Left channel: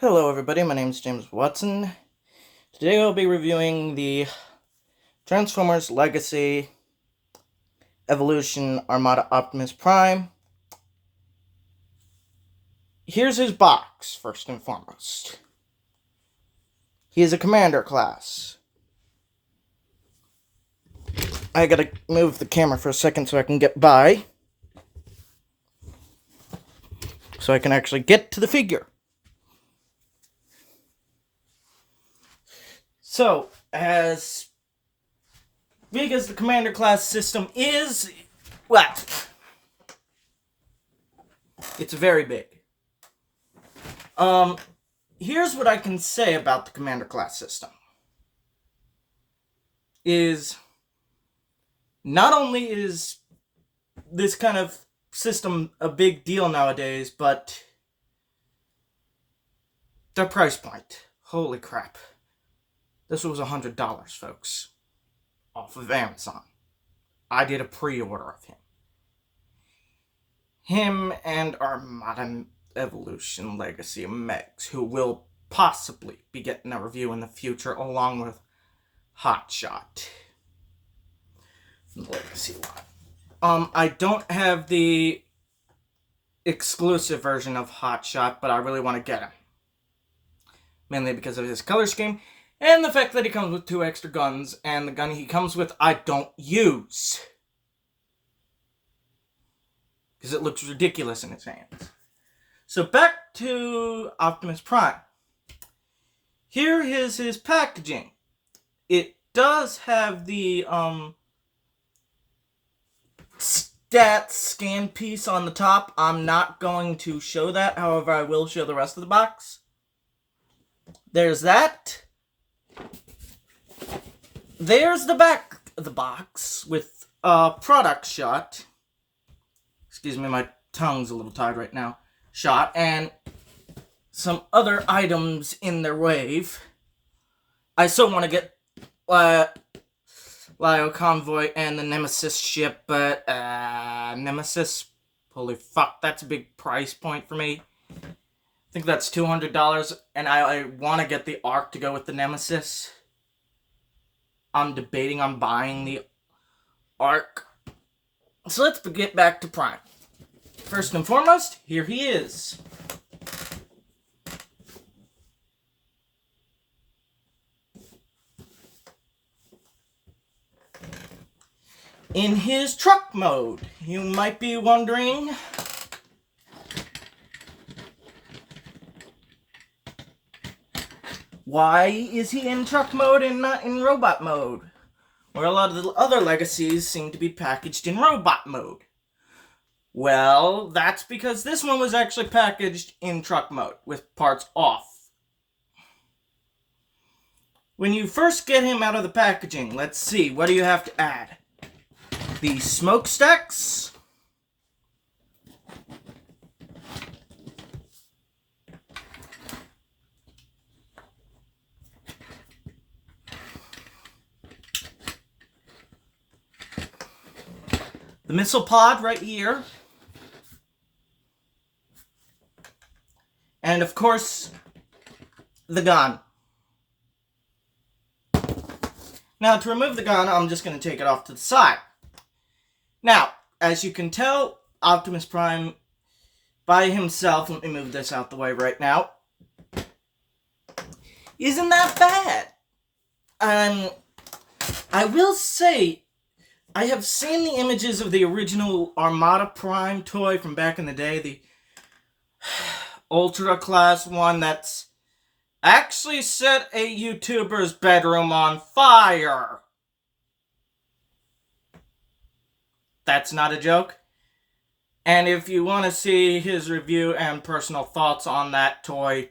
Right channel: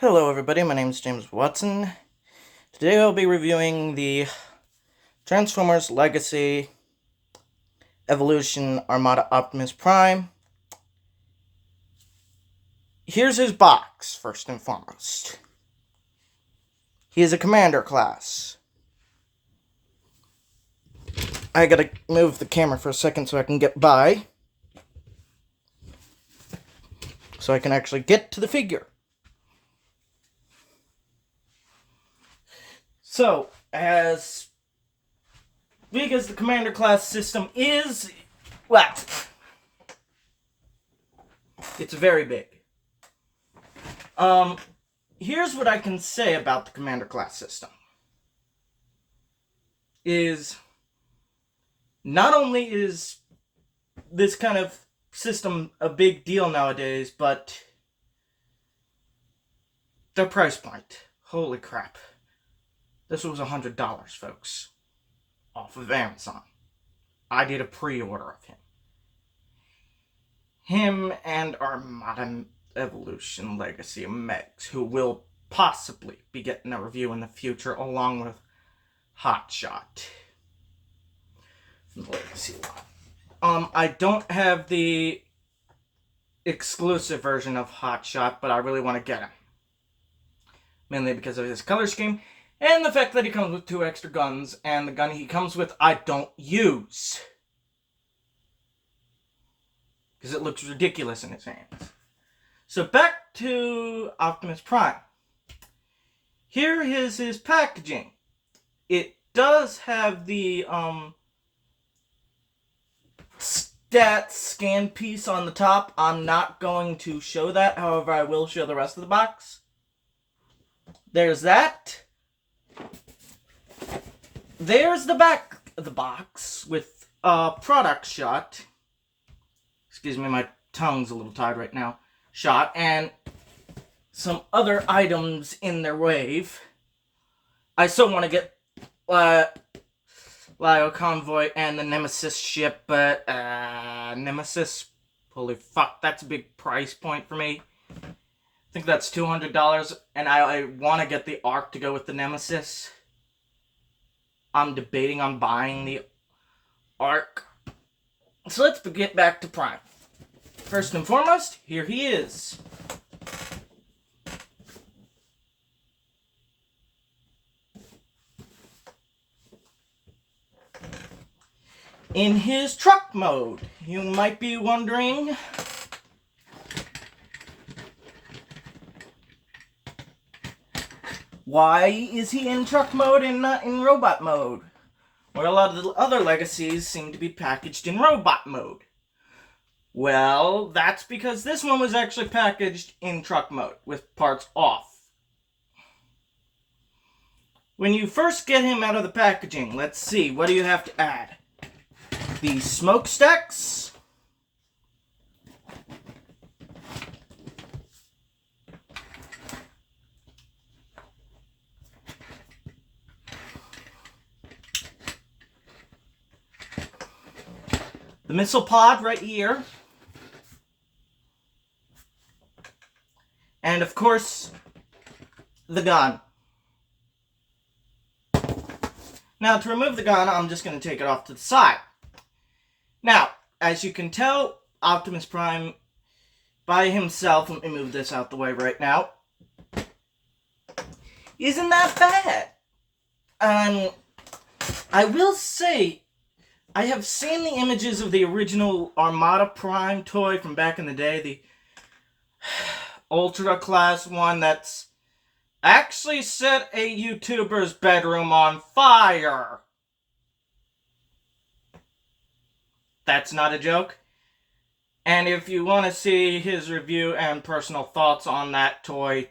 Hello everybody, my name is James Watson. Today I'll be reviewing the Transformers Legacy Evolution Armada Optimus Prime. Here's his box, first and foremost. He is a commander class. I gotta move the camera for a second so I can get by. So I can actually get to the figure. So, as big as the commander class system is, well, it's very big. Here's what I can say about the commander class system. Is not only is this kind of system a big deal nowadays, but their price point. Holy crap. This was $100, folks. Off of Amazon. I did a pre-order of him. Him and Armada Evolution Legacy Megs, who will possibly be getting a review in the future, along with Hotshot from the Legacy line. I don't have the exclusive version of Hotshot, but I really want to get him. Mainly because of his color scheme, and the fact that he comes with 2 extra guns, and the gun he comes with I don't use. Because it looks ridiculous in his hands. So back to Optimus Prime. Here is his packaging. It does have the stats scan piece on the top. I'm not going to show that, however I will show the rest of the box. There's that. There's the back of the box with a product shot. Excuse me, my tongue's a little tied right now. Shot, and some other items in their wave. I still want to get Lio Convoy and the Nemesis ship, but Nemesis, holy fuck, that's a big price point for me. I think that's $200, and I want to get the Arc to go with the Nemesis. I'm debating on buying the Arc. So let's get back to Prime. First and foremost, here he is. In his truck mode, you might be wondering, why is he in truck mode and not in robot mode? Where a lot of the other legacies seem to be packaged in robot mode. Well, that's because this one was actually packaged in truck mode, with parts off. When you first get him out of the packaging, let's see, what do you have to add? The smokestacks. The missile pod right here. And of course, the gun. Now, to remove the gun, I'm just going to take it off to the side. Now, as you can tell, Optimus Prime by himself, let me move this out the way right now, isn't that bad. I will say, I have seen the images of the original Armada Prime toy from back in the day, the Ultra Class one that's actually set a YouTuber's bedroom on fire. That's not a joke. And if you want to see his review and personal thoughts on that toy,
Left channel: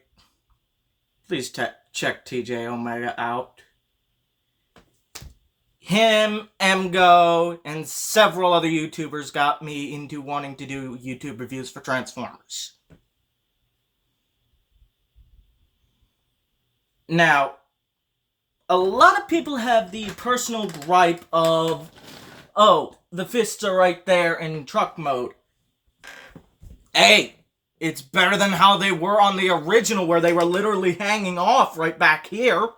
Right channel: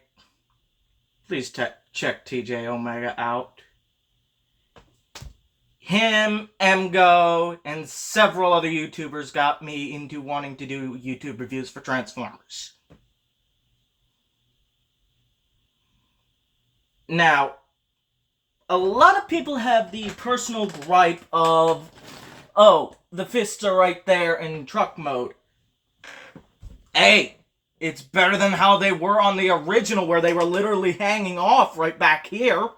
please check TJ Omega out. Him, Emgo, and several other YouTubers got me into wanting to do YouTube reviews for Transformers. Now, a lot of people have the personal gripe of, oh, the fists are right there in truck mode. Hey, It's better than how they were on the original, where they were literally hanging off right back here.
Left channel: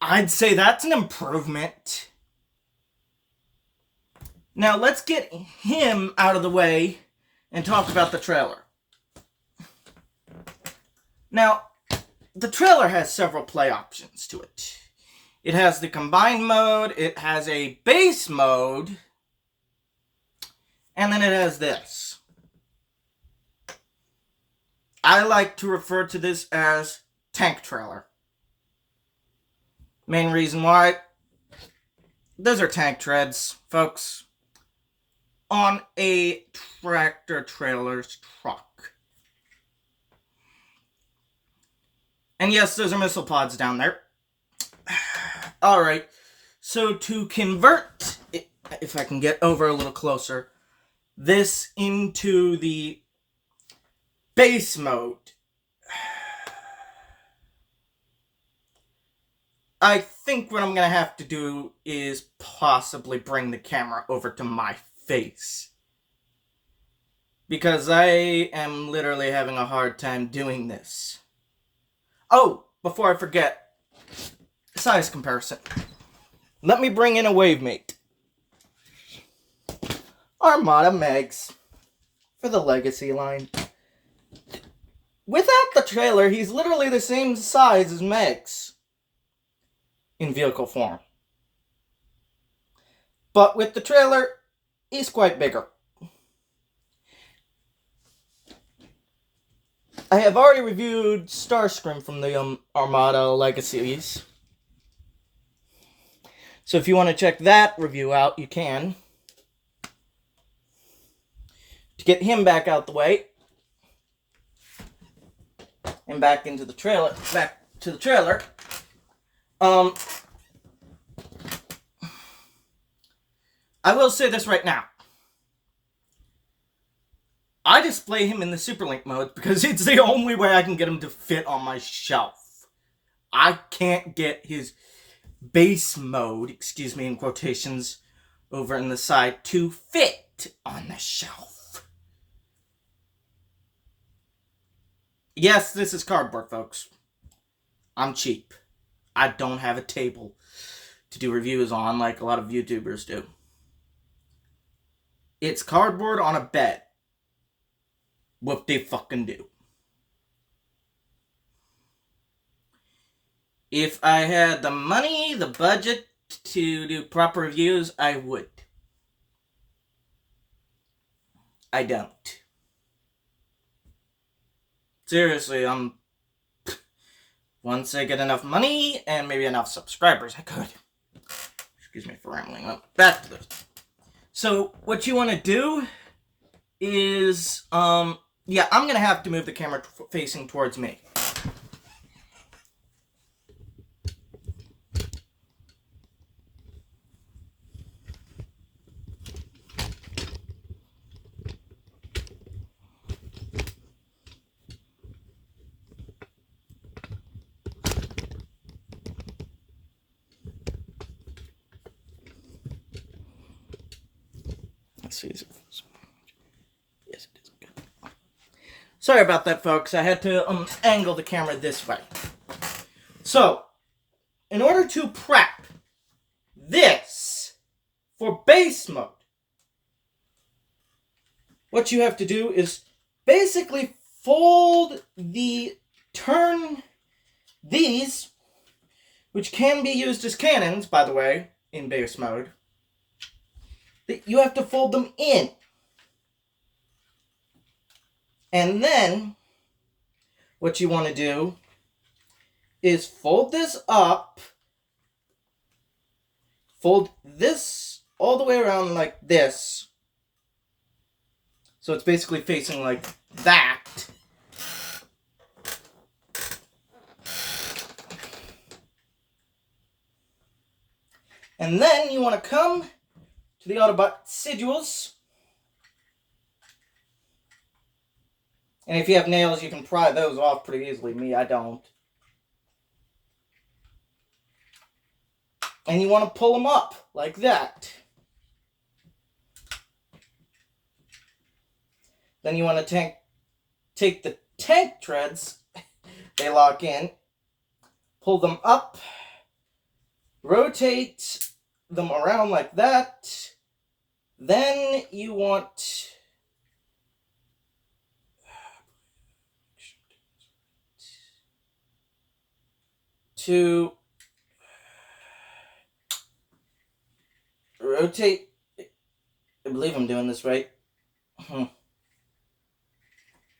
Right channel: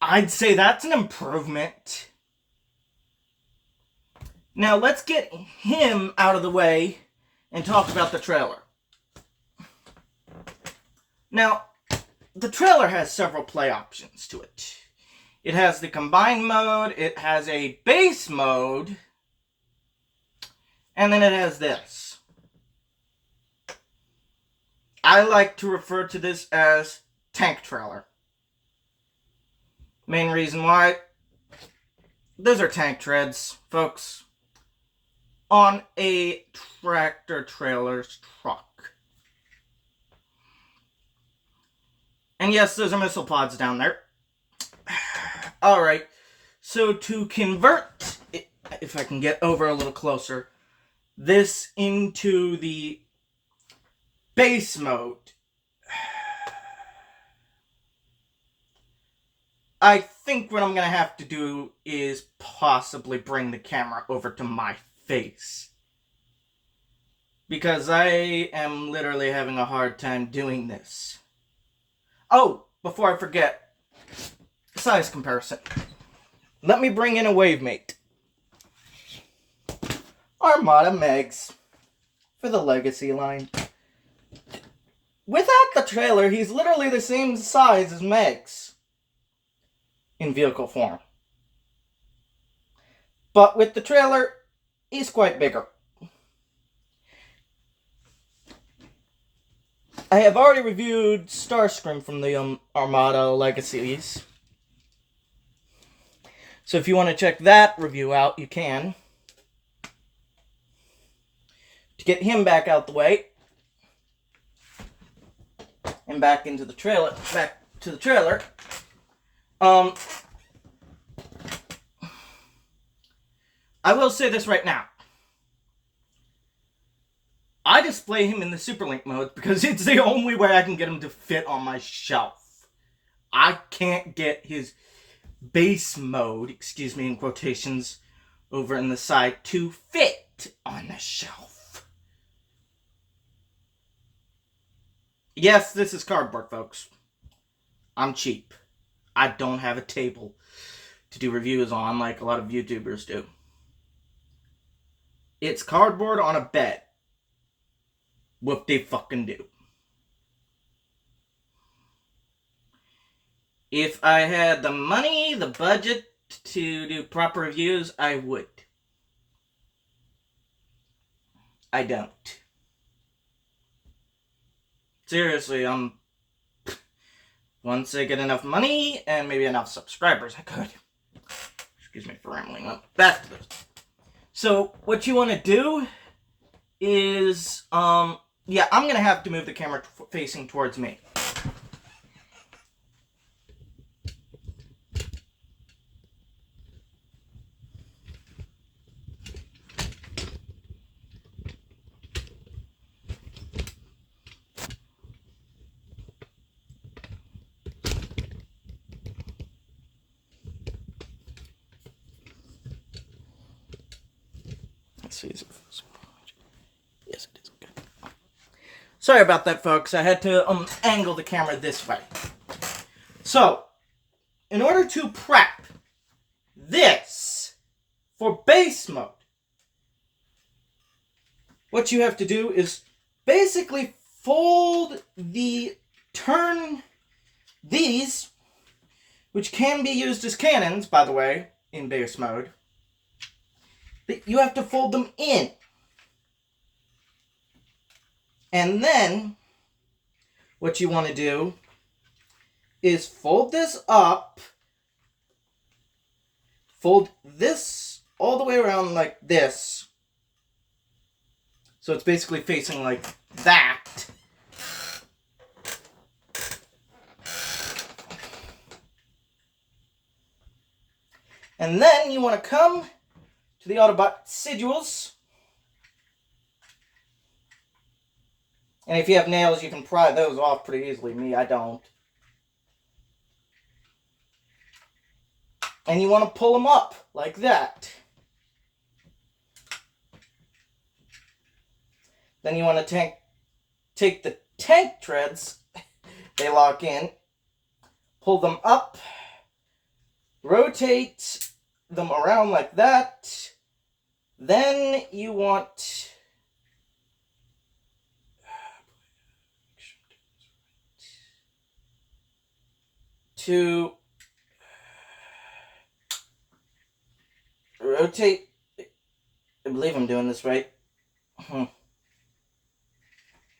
I'd say that's an improvement. Now let's get him out of the way and talk about the trailer. Now, the trailer has several play options to it. It has the combined mode, it has a base mode, and then it has this. I like to refer to this as tank trailer. Main reason why, those are tank treads, folks, on a tractor trailer's truck. And yes, those are missile pods down there. Alright, so to convert, if I can get over a little closer, this into the base mode, I think what I'm going to have to do is possibly bring the camera over to my face. Because I am literally having a hard time doing this. Oh, before I forget, size comparison. Let me bring in a wavemate. Armada Megs for the Legacy line. Without the trailer, he's literally the same size as Megs in vehicle form. But with the trailer, he's quite bigger. I have already reviewed Starscream from the Armada Legacies. So if you want to check that review out, you can. To get him back out the way. And back to the trailer. I will say this right now. I display him in the Superlink mode because it's the only way I can get him to fit on my shelf. I can't get his base mode, excuse me in quotations, over in the side to fit on the shelf. Yes, this is cardboard, folks. I'm cheap. I don't have a table to do reviews on like a lot of YouTubers do. It's cardboard on a bed. What they fucking do. If I had the money, the budget to do proper reviews, I would. I don't. Seriously, once I get enough money and maybe enough subscribers, I could. Excuse me for rambling up. Back to this. So, what you want to do is, yeah, I'm going to have to move the camera facing towards me. Let's see. Yes, it is. Okay. Sorry about that, folks. I had to angle the camera this way. So, in order to prep this for base mode, what you have to do is basically turn these, which can be used as cannons, by the way, in base mode. You have to fold them in. And then, what you want to do is fold this up, fold this all the way around like this. So it's basically facing like that. And then you want to come to the Autobot sigils. And if you have nails, you can pry those off pretty easily. Me, I don't. And you want to pull them up like that. Then you want to take the tank treads, they lock in, pull them up, rotate them around like that. Then you want to rotate. I believe I'm doing this right.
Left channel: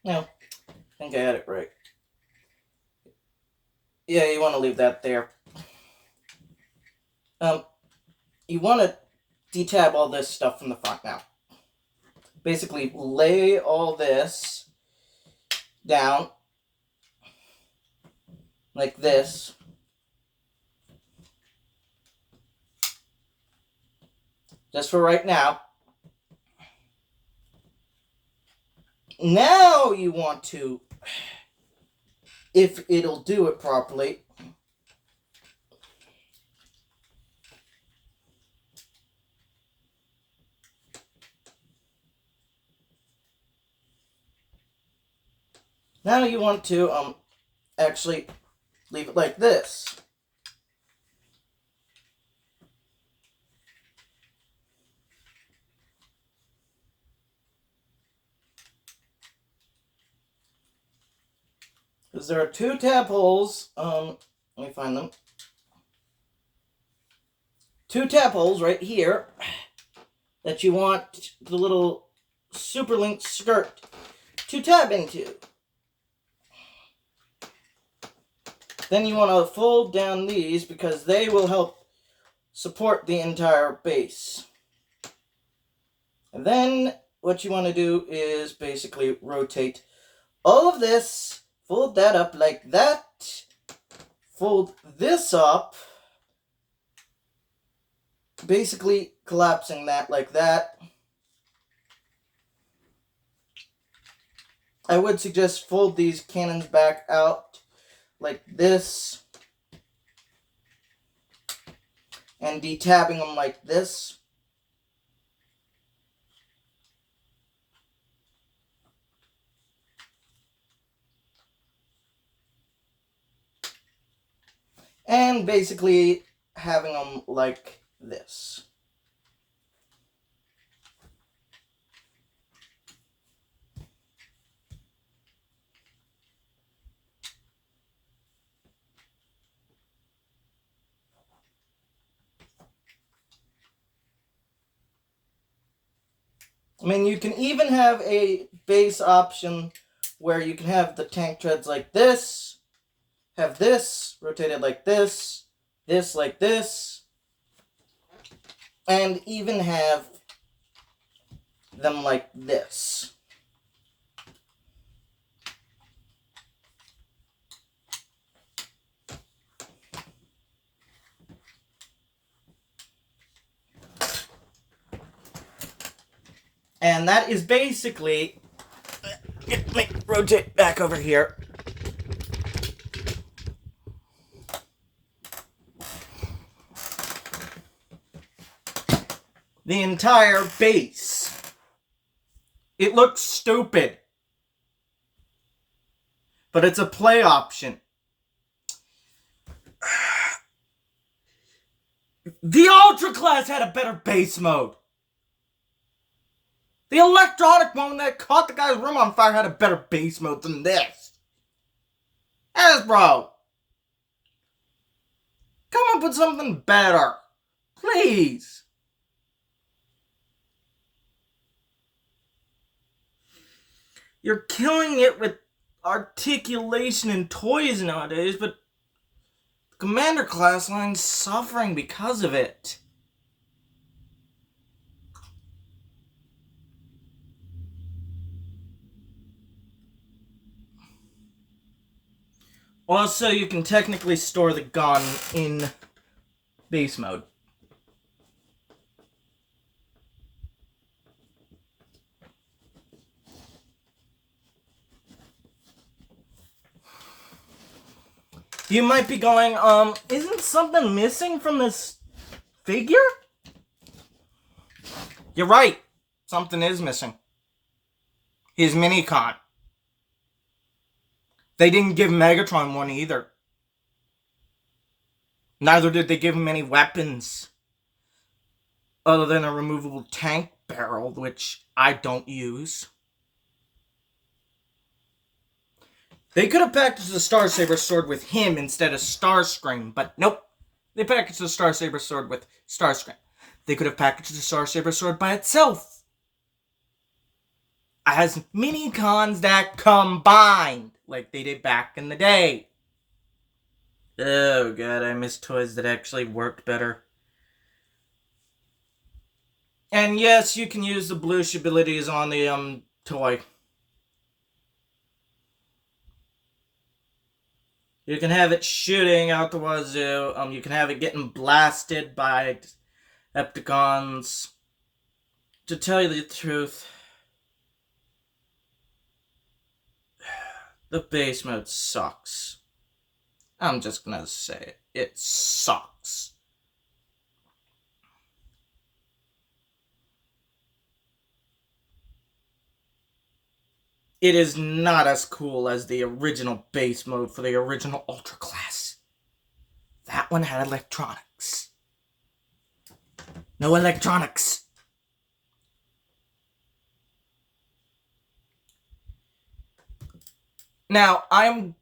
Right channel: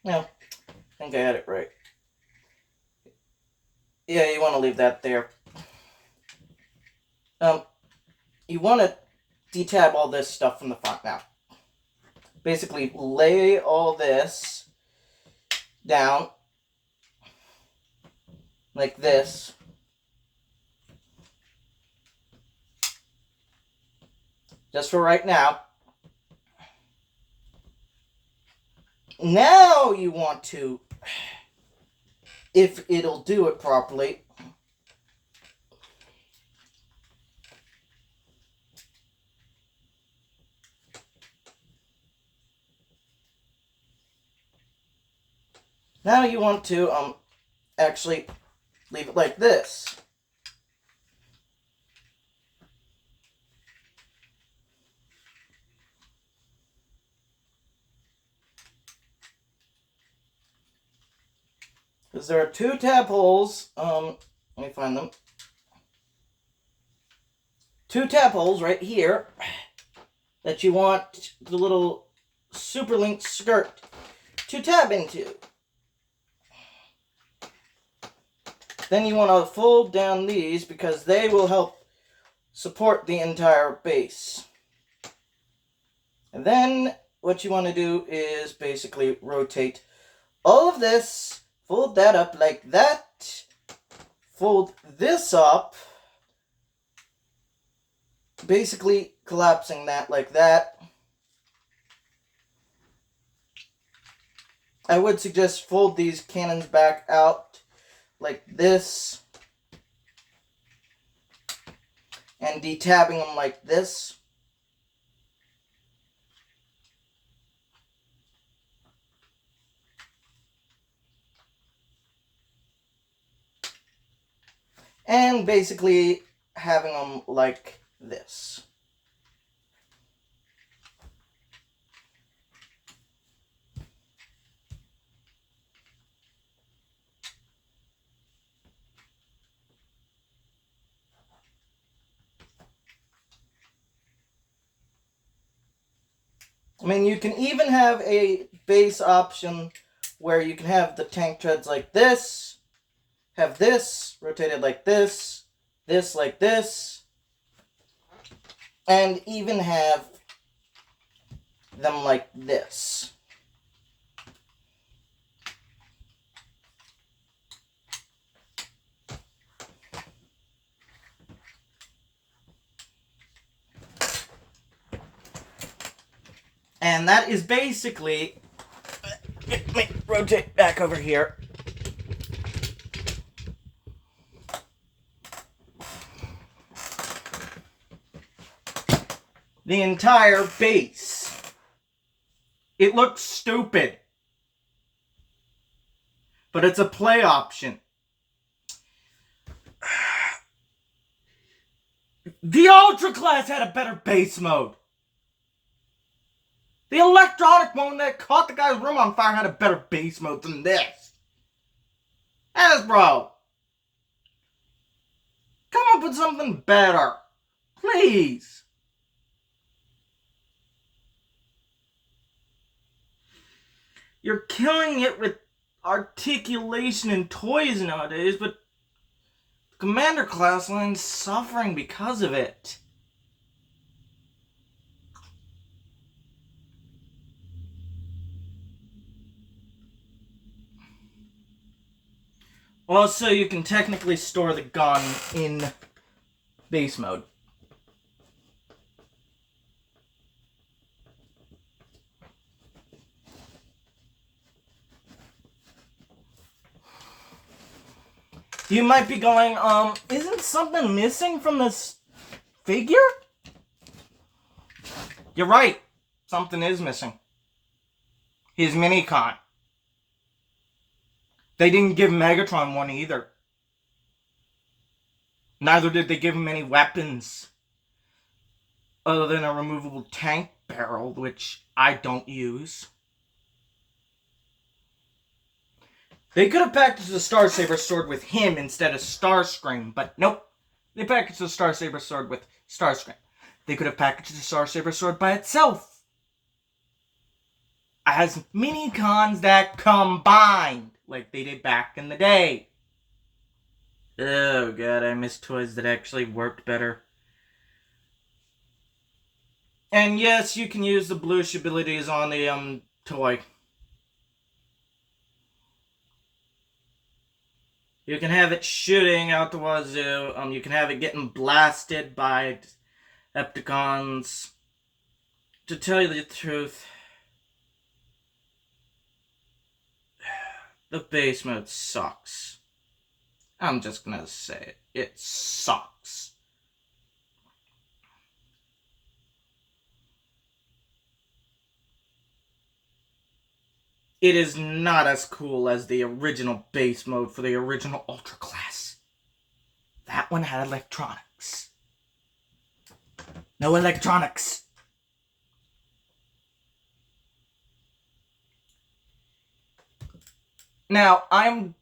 No, I think I had it right. Yeah, you want to leave that there. You want to detab all this stuff from the front now. Basically, lay all this down like this. Just for right now. Now you want to, if it'll do it properly, now you want to actually leave it like this. Because there are two tab holes, let me find them. Two tab holes right here that you want the little super link skirt to tab into. Then you want to fold down these because they will help support the entire base. And then what you want to do is basically rotate all of this, fold that up like that, fold this up, basically collapsing that like that. I would suggest fold these cannons back out like this and detabbing them like this. And basically having them like this. I mean, you can even have a base option where you can have the tank treads like this, have this rotated like this like this, and even have them like this. And that is basically, let me rotate back over here. The entire base. It looks stupid, but it's a play option. The Ultra Class had a better base mode. The electronic mode that caught the guy's room on fire had a better base mode than this. Hasbro, come up with something better. Please. You're killing it with articulation and toys nowadays, but the Commander class line's suffering because of it. Also, you can technically store the gun in base mode. You might be going, isn't something missing from this figure? You're right. Something is missing. his Minicon. They didn't give Megatron one either. Neither did they give him any weapons. Other than a removable tank barrel, which I don't use. They could have packaged the Star Saber sword with him instead of Starscream, but nope. They packaged the Star Saber sword with Starscream. They could have packaged the Star Saber sword by itself. As mini-cons that combined, like they did back in the day. Oh god, I miss toys that actually worked better. And yes, you can use the bluish abilities on the toy. You can have it shooting out the wazoo. You can have it getting blasted by Decepticons. To tell you the truth, the base mode sucks. I'm just gonna say it. It sucks. It is not as cool as the original base mode for the original Ultra class. That one had electronics. No electronics. Now, I'm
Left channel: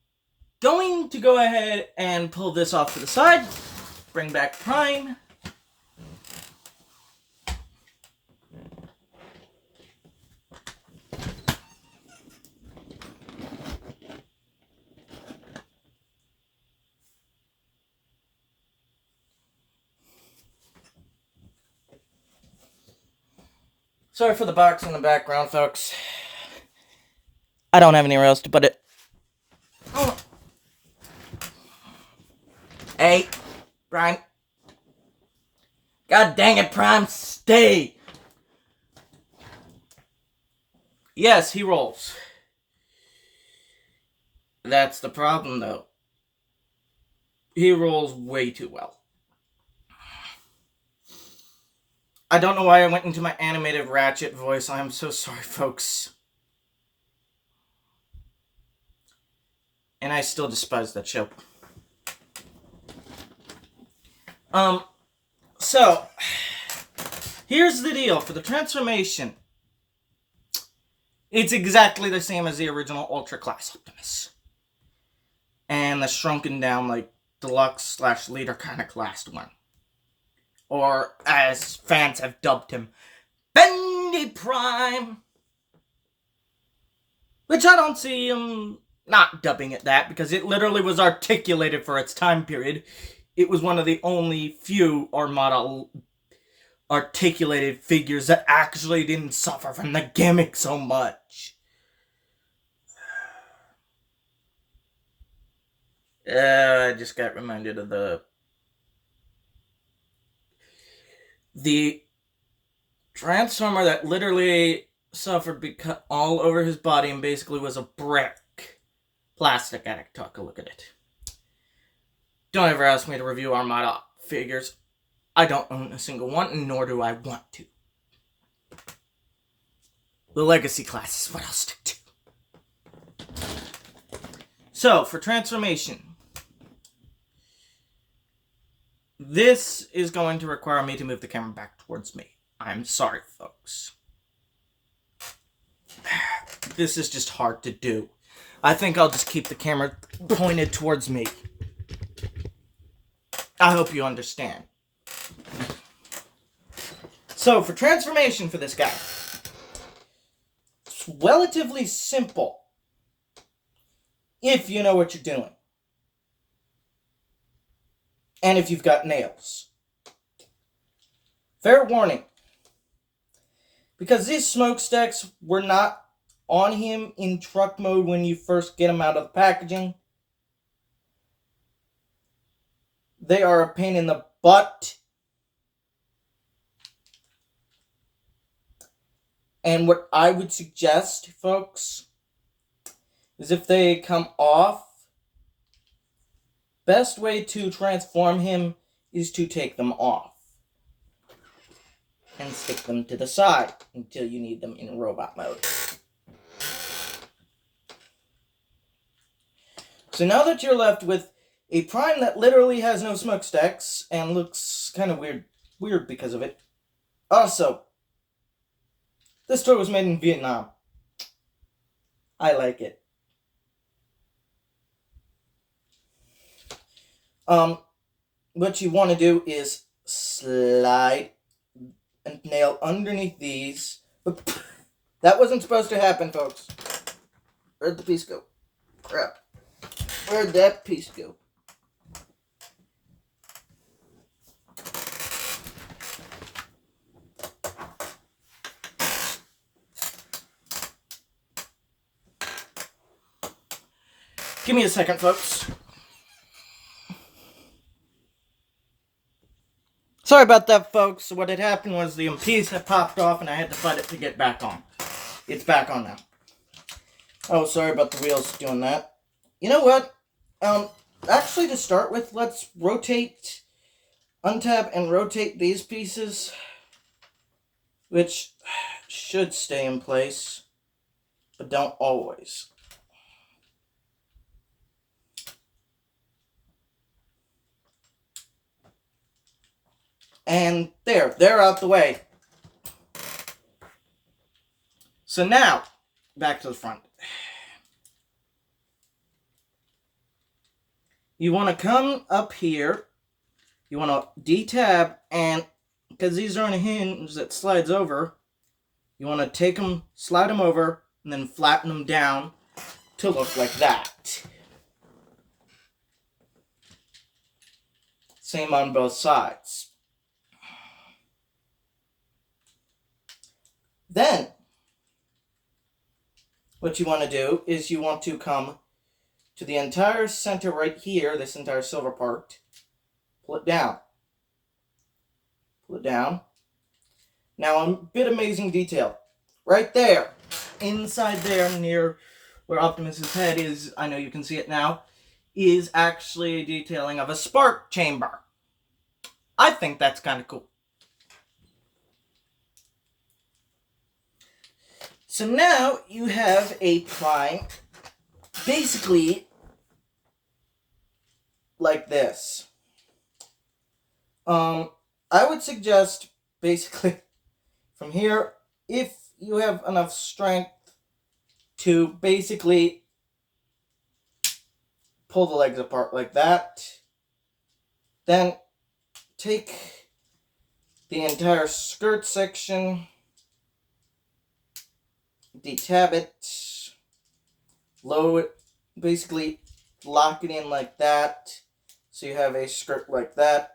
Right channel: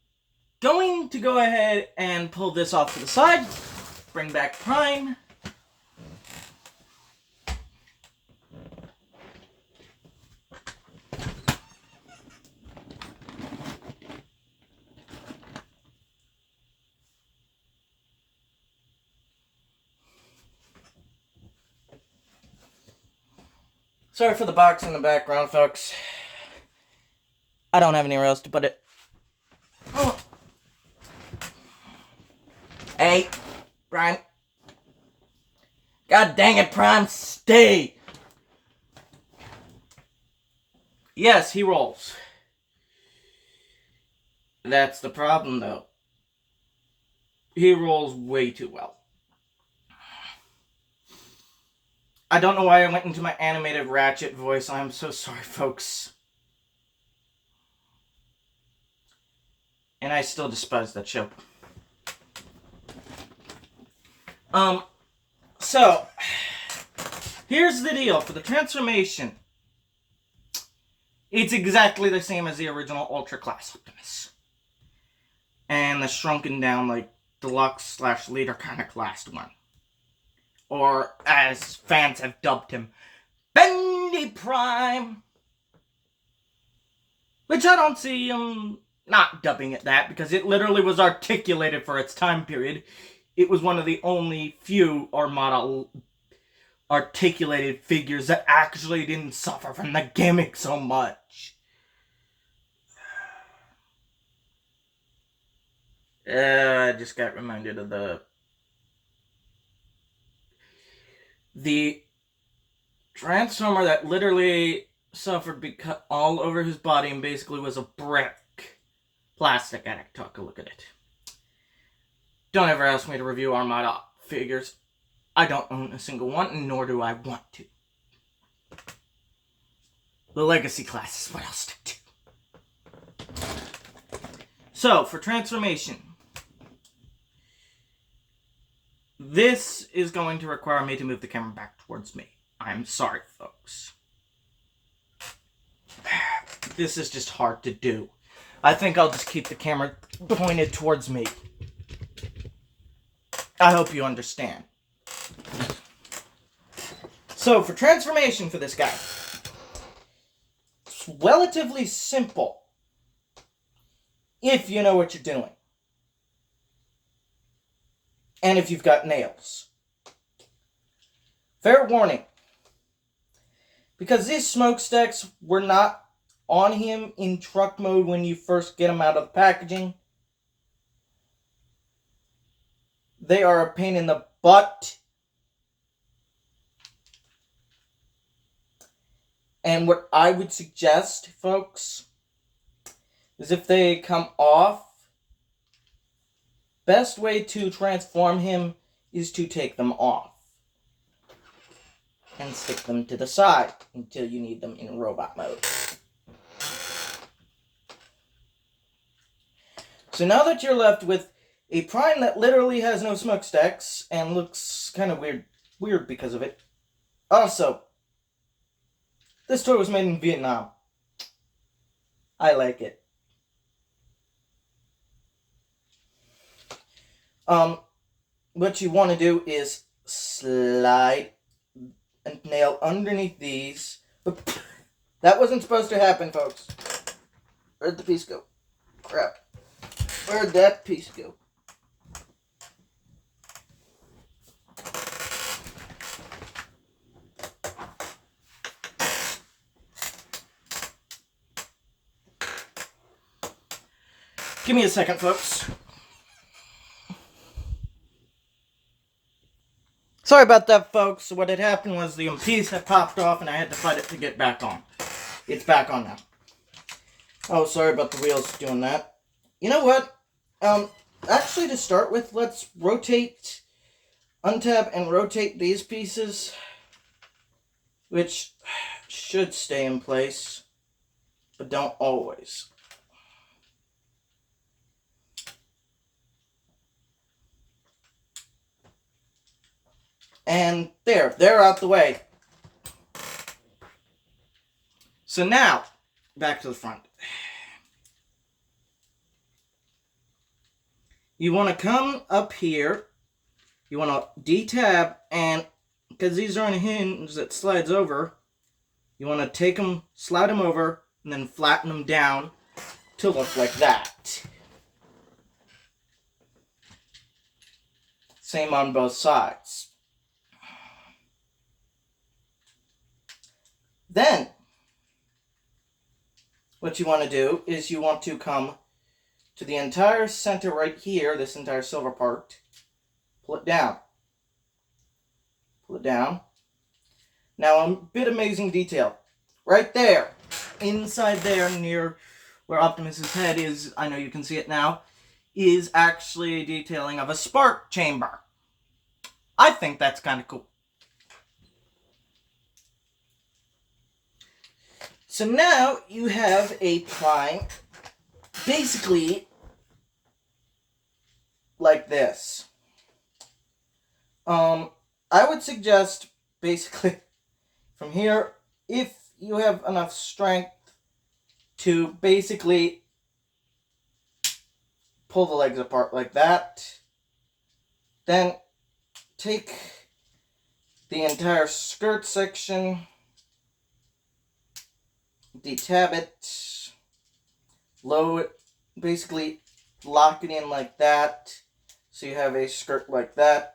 going to go ahead and pull this off to the side. Bring back Prime. Sorry for the box in the background, folks. I don't have anywhere else to put it. Oh. Hey, Prime. God dang it, Prime, stay! Yes, he rolls. That's the problem, though. He rolls way too well. I don't know why I went into my animated Ratchet voice. I'm so sorry, folks. And I still despise that show. So, here's the deal. For the transformation, it's exactly the same as the original Ultra Class Optimus. And the shrunken down, like, deluxe / leader kind of classed one. Or, as fans have dubbed him, Bendy Prime. Which I don't see him not dubbing it that, because it literally was articulated for its time period. It was one of the only few armada articulated figures that actually didn't suffer from the gimmick so much. I just got reminded of the Transformer that literally suffered because all over his body and basically was a brick. Plastic addict, talk a look at it. Don't ever ask me to review Armada figures. I don't own a single one, nor do I want to. The Legacy class is what I'll stick to. So, for transformation, this is going to require me to move the camera back towards me. I'm sorry, folks. This is just hard to do. I think I'll just keep the camera pointed towards me. I hope you understand. So, for transformation for this guy, it's relatively simple if you know what you're doing. And if you've got nails. Fair warning. Because these smokestacks were not on him in truck mode when you first get them out of the packaging. They are a pain in the butt. And what I would suggest, folks, is if they come off, best way to transform him is to take them off. And stick them to the side until you need them in robot mode. So now that you're left with a Prime that literally has no smokestacks and looks kind of weird because of it. Also, this toy was made in Vietnam. I like it. What you want to do is slide and nail underneath these. That wasn't supposed to happen, folks. Where'd the piece go? Crap. Where'd that piece go? Give me a second, folks. Sorry about that, folks. What had happened was the piece had popped off and I had to fight it to get back on. It's back on now. Oh, sorry about the wheels doing that. You know what? Actually, to start with, let's untap and rotate these pieces, which should stay in place, but don't always. And they're out the way. So now, back to the front. You want to come up here, you want to detab, and because these are on a hinge that slides over, you want to take them, slide them over, and then flatten them down to look like that. Same on both sides. Then, what you want to do is you want to come to the entire center right here, this entire silver part, pull it down. Pull it down. Now, a bit amazing detail. Right there, inside there near where Optimus's head is, I know you can see it now, is actually a detailing of a spark chamber. I think that's kind of cool. So now you have a Prime, basically like this. I would suggest, basically, from here, if you have enough strength to basically pull the legs apart like that, then take the entire skirt section, detab it, lower it, basically lock it in like that, so you have a skirt like that.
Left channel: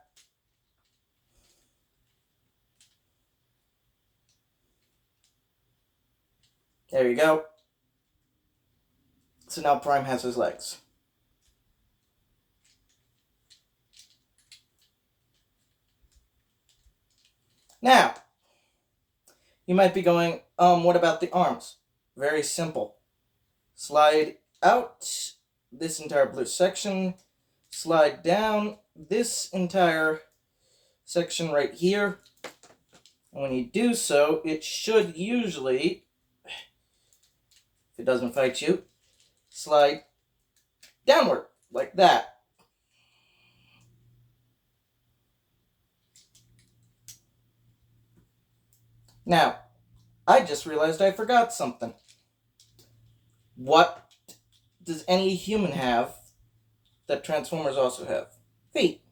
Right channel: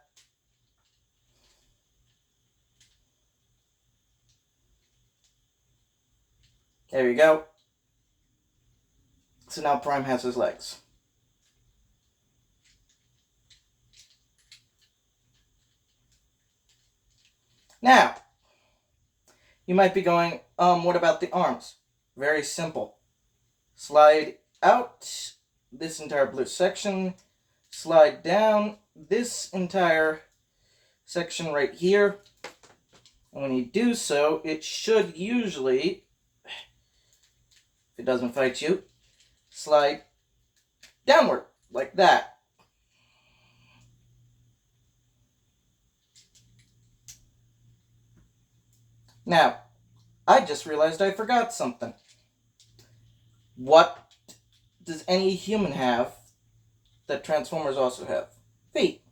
There you go. So now Prime has his legs. Now, you might be going, what about the arms? Very simple. Slide out this entire blue section, slide down this entire section right here, and when you do so, it should usually, if it doesn't fight you, slide downward, like that. Now, I just realized I forgot something. What does any human have that Transformers also have? Feet.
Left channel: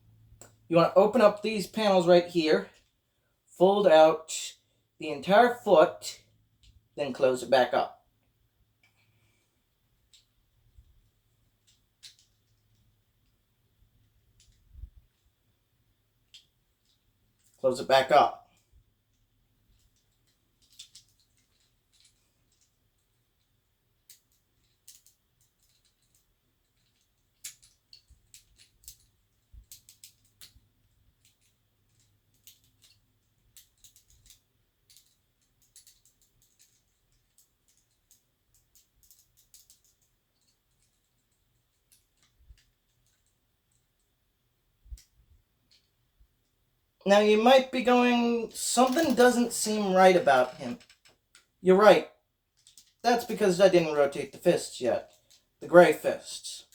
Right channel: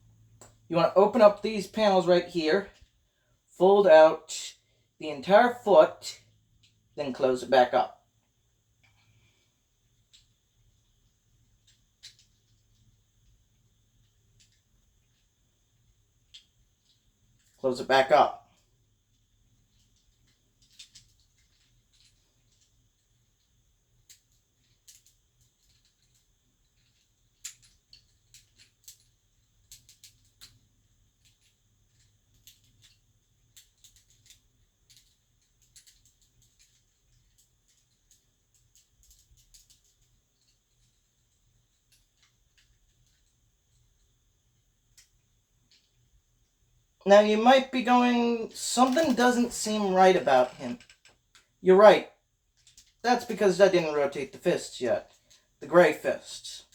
You want to open up these panels right here, fold out the entire foot, then close it back up. Close it back up. Now you might be going, something doesn't seem right about him. You're right. That's because I didn't rotate the fists yet. The gray fists.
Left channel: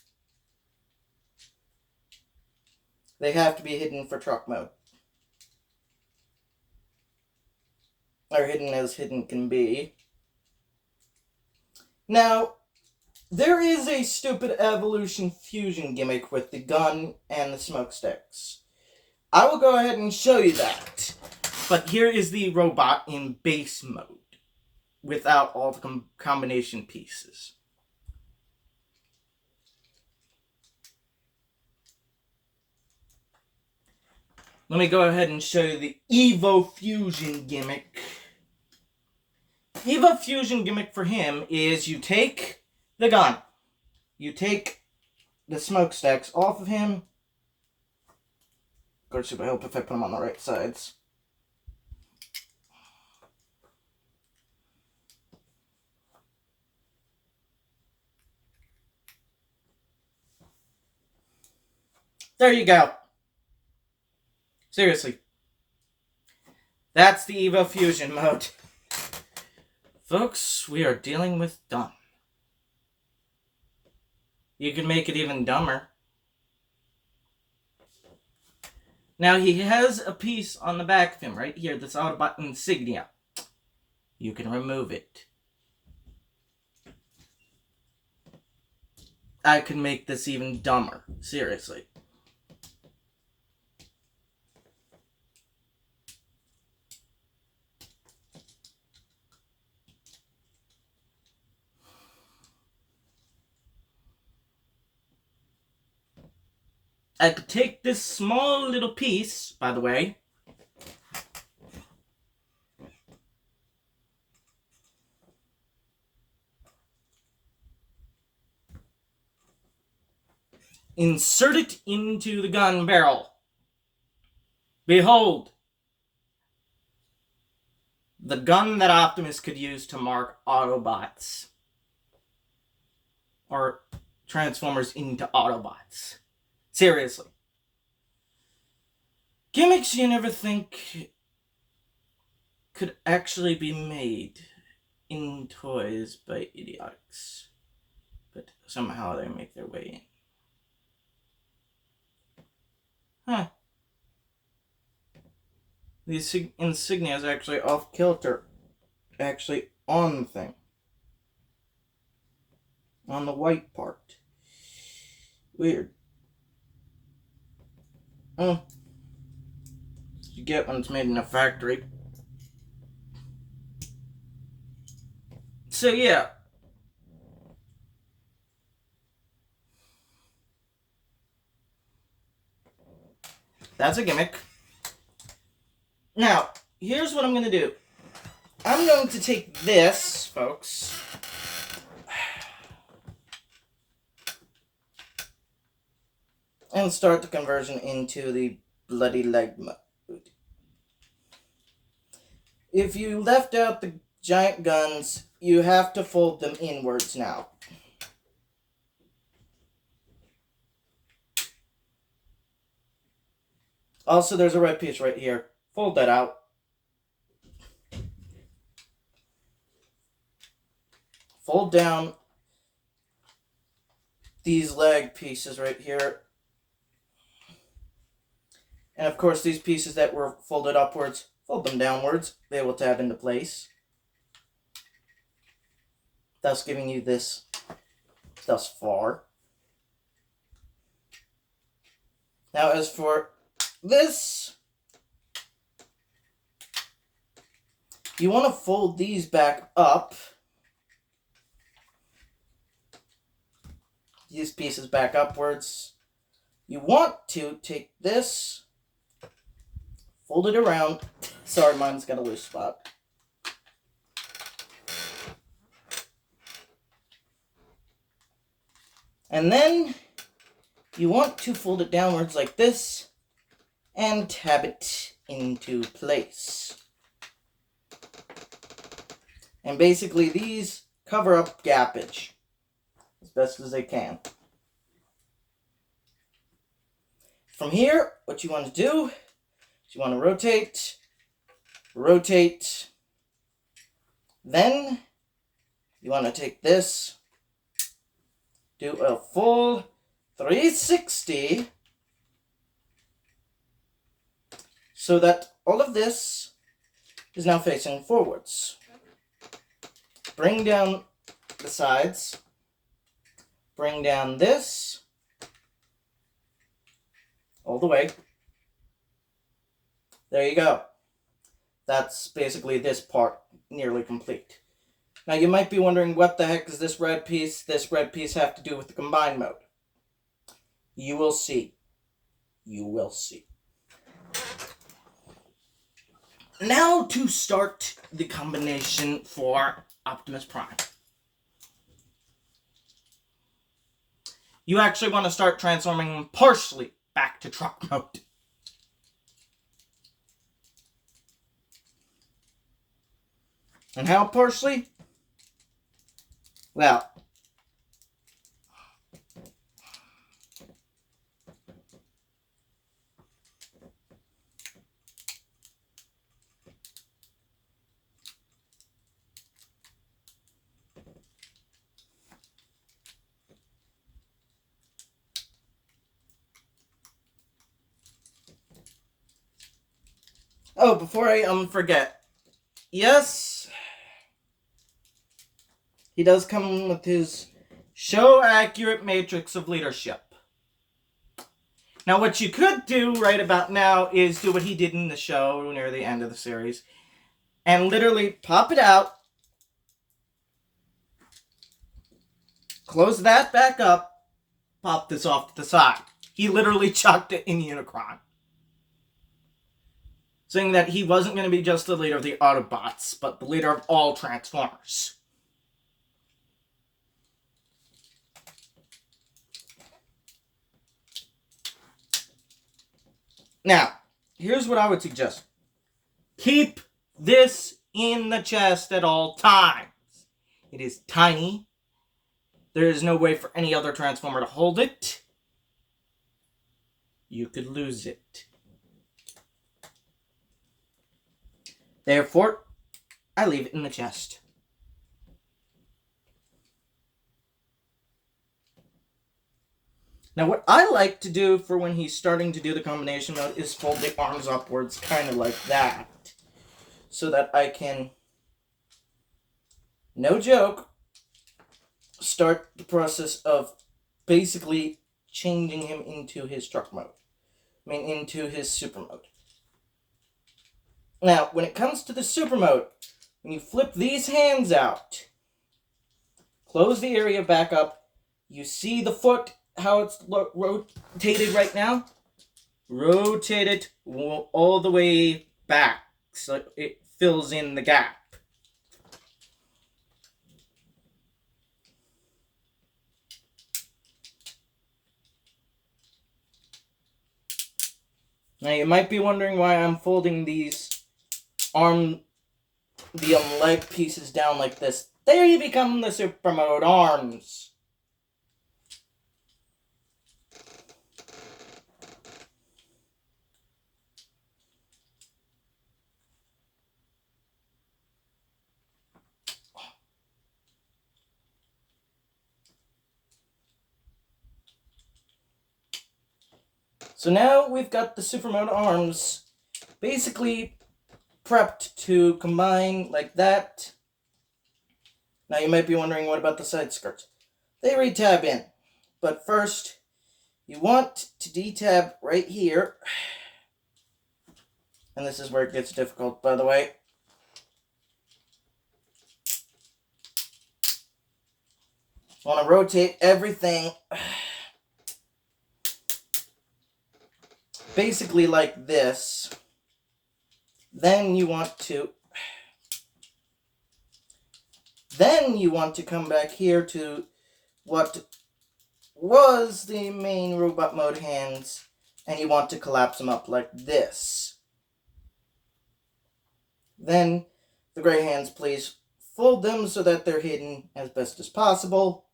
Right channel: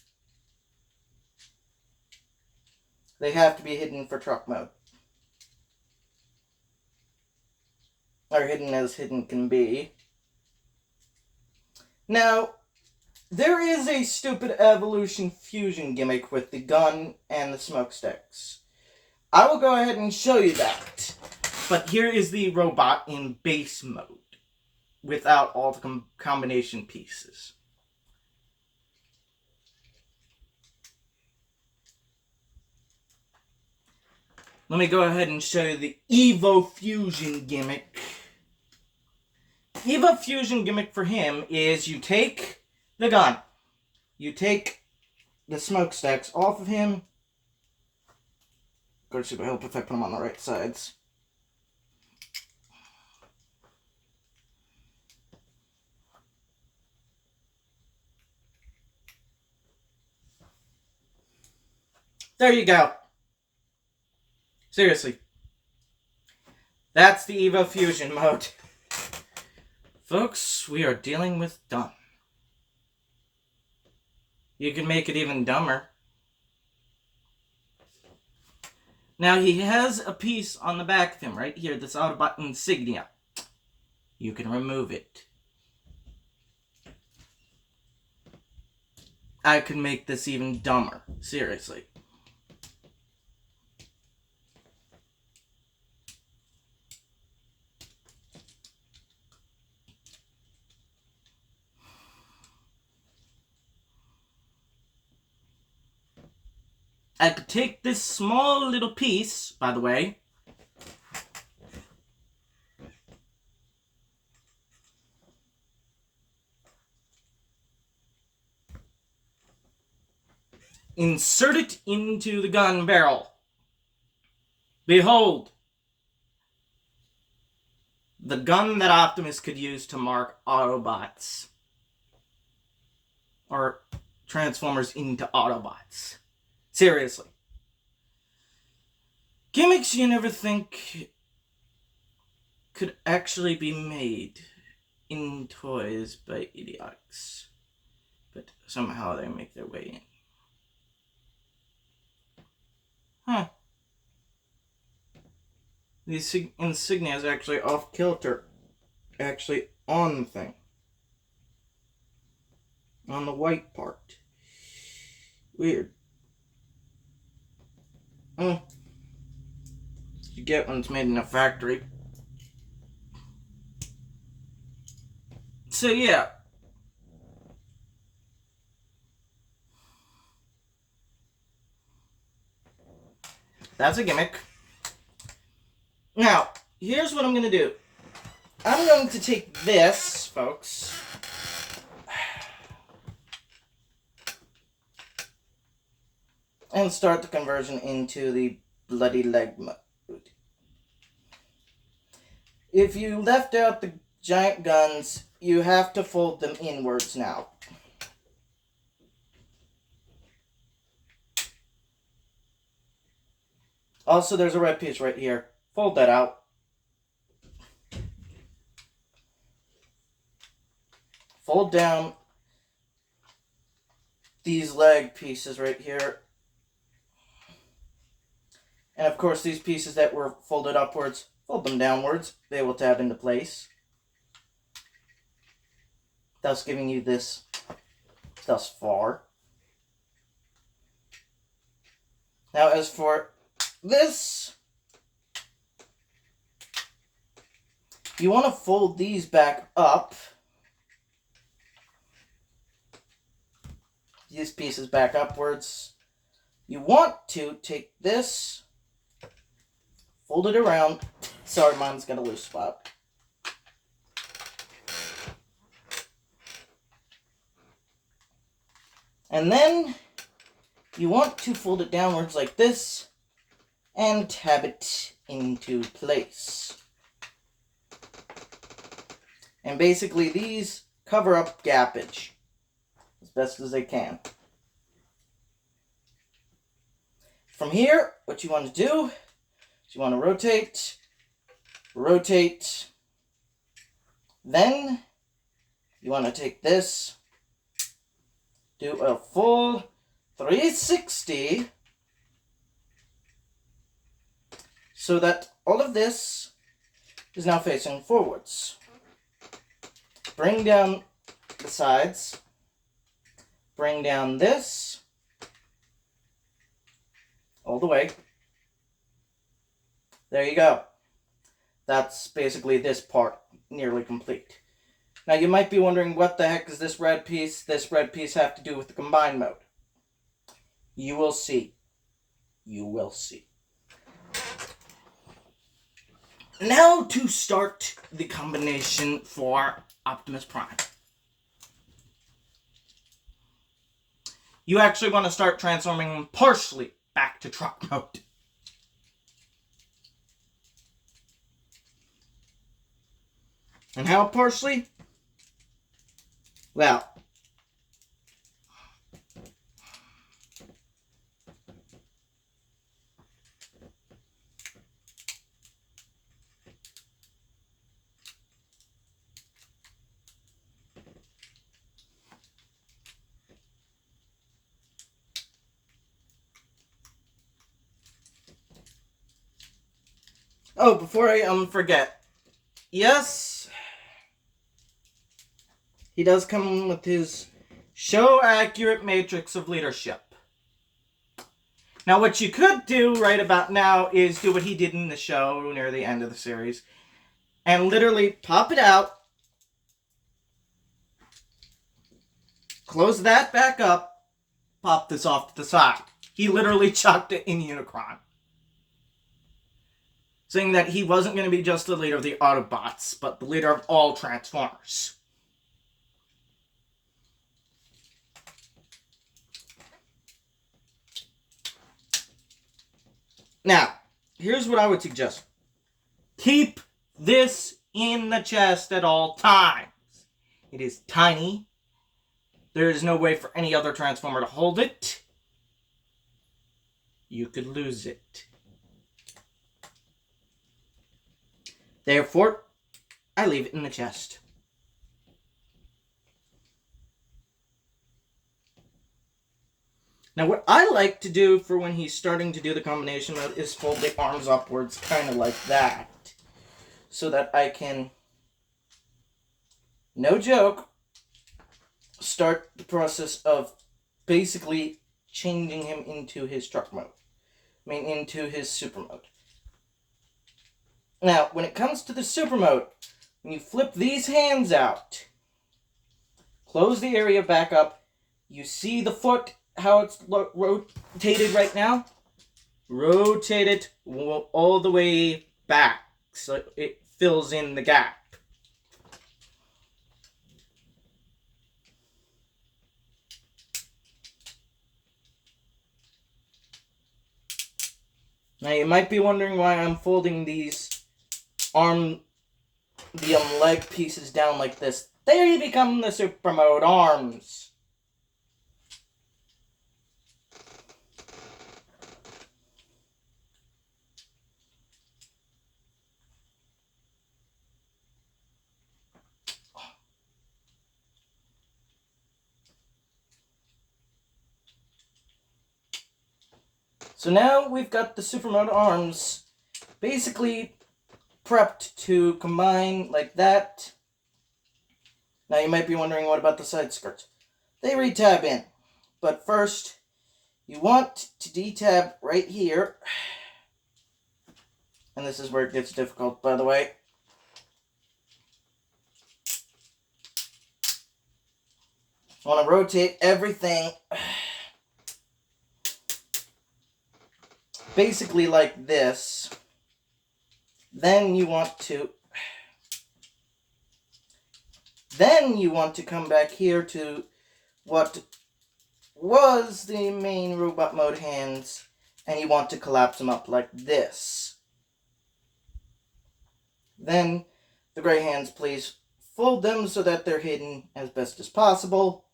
They have to be hidden for truck mode. Or hidden as hidden can be. Now, there is a stupid evolution fusion gimmick with the gun and the smokesticks. I will go ahead and show you that. But here is the robot in base mode, without all the combination pieces. Let me go ahead and show you the Evo Fusion gimmick. Evo Fusion gimmick for him is you take the gun, you take the smokestacks off of him. Of course, it would help if I put them on the right sides. There you go. Seriously. That's the Evo Fusion mode. Folks, we are dealing with dumb. You can make it even dumber. Now, he has a piece on the back of him right here, this Autobot insignia. You can remove it. I can make this even dumber. Seriously. I could take this small little piece, by the way, insert it into the gun barrel. Behold, the gun that Optimus could use to mark Autobots, or Transformers into Autobots. Seriously. Gimmicks you never think could actually be made in toys by idiots. But somehow they make their way in. Huh. The insignia is actually off kilter. Actually on the thing. On the white part. Weird. You get when it's made in a factory. So yeah. That's a gimmick. Now, here's what I'm going to do. I'm going to take this, folks. And start the conversion into the bloody leg mode. If you left out the giant guns, you have to fold them inwards now. Also, there's a red piece right here. Fold that out. Fold down these leg pieces right here. And of course, these pieces that were folded upwards, fold them downwards. They will tab into place. Thus giving you this thus far. Now as for this, you want to fold these back up. These pieces back upwards. You want to take this, fold it around. Sorry, mine's got a loose spot. And then you want to fold it downwards like this and tab it into place. And basically these cover up gappage as best as they can. From here, what you want to do is you want to rotate, rotate. Then you want to take this, do a full 360, so that all of this is now facing forwards. Bring down the sides. Bring down this all the way. There you go. That's basically this part nearly complete. Now you might be wondering, what the heck does this red piece have to do with the combine mode? You will see. You will see. Now to start the combination for Optimus Prime. You actually want to start transforming him partially back to truck mode. And how partially? Well, oh, before I forget, yes, he does come with his show-accurate matrix of leadership. Now, what you could do right about now is do what he did in the show near the end of the series, and literally pop it out, close that back up, pop this off to the side. He literally chucked it in Unicron, saying that he wasn't going to be just the leader of the Autobots, but the leader of all Transformers. Now, here's what I would suggest. Keep this in the chest at all times. It is tiny. There is no way for any other Transformer to hold it. You could lose it. Therefore, I leave it in the chest. Now, what I like to do for when he's starting to do the combination mode is fold the arms upwards, kind of like that. So that I can, no joke, start the process of basically changing him into his truck mode. Into his super mode. Now, when it comes to the super mode, when you flip these hands out, close the area back up, you see the foot, how it's rotated right now? Rotate it all the way back so it fills in the gap. Now you might be wondering why I'm folding these leg pieces down like this. They become the super mode arms. So now we've got the super mode arms basically prepped to combine like that. Now you might be wondering, what about the side skirts? They re-tab in. But first, you want to detab right here. And this is where it gets difficult, by the way. You want to rotate everything basically like this. Then you want to come back here to what was the main robot mode hands, and you want to collapse them up like this. Then the gray hands, please fold them so that they're hidden as best as possible.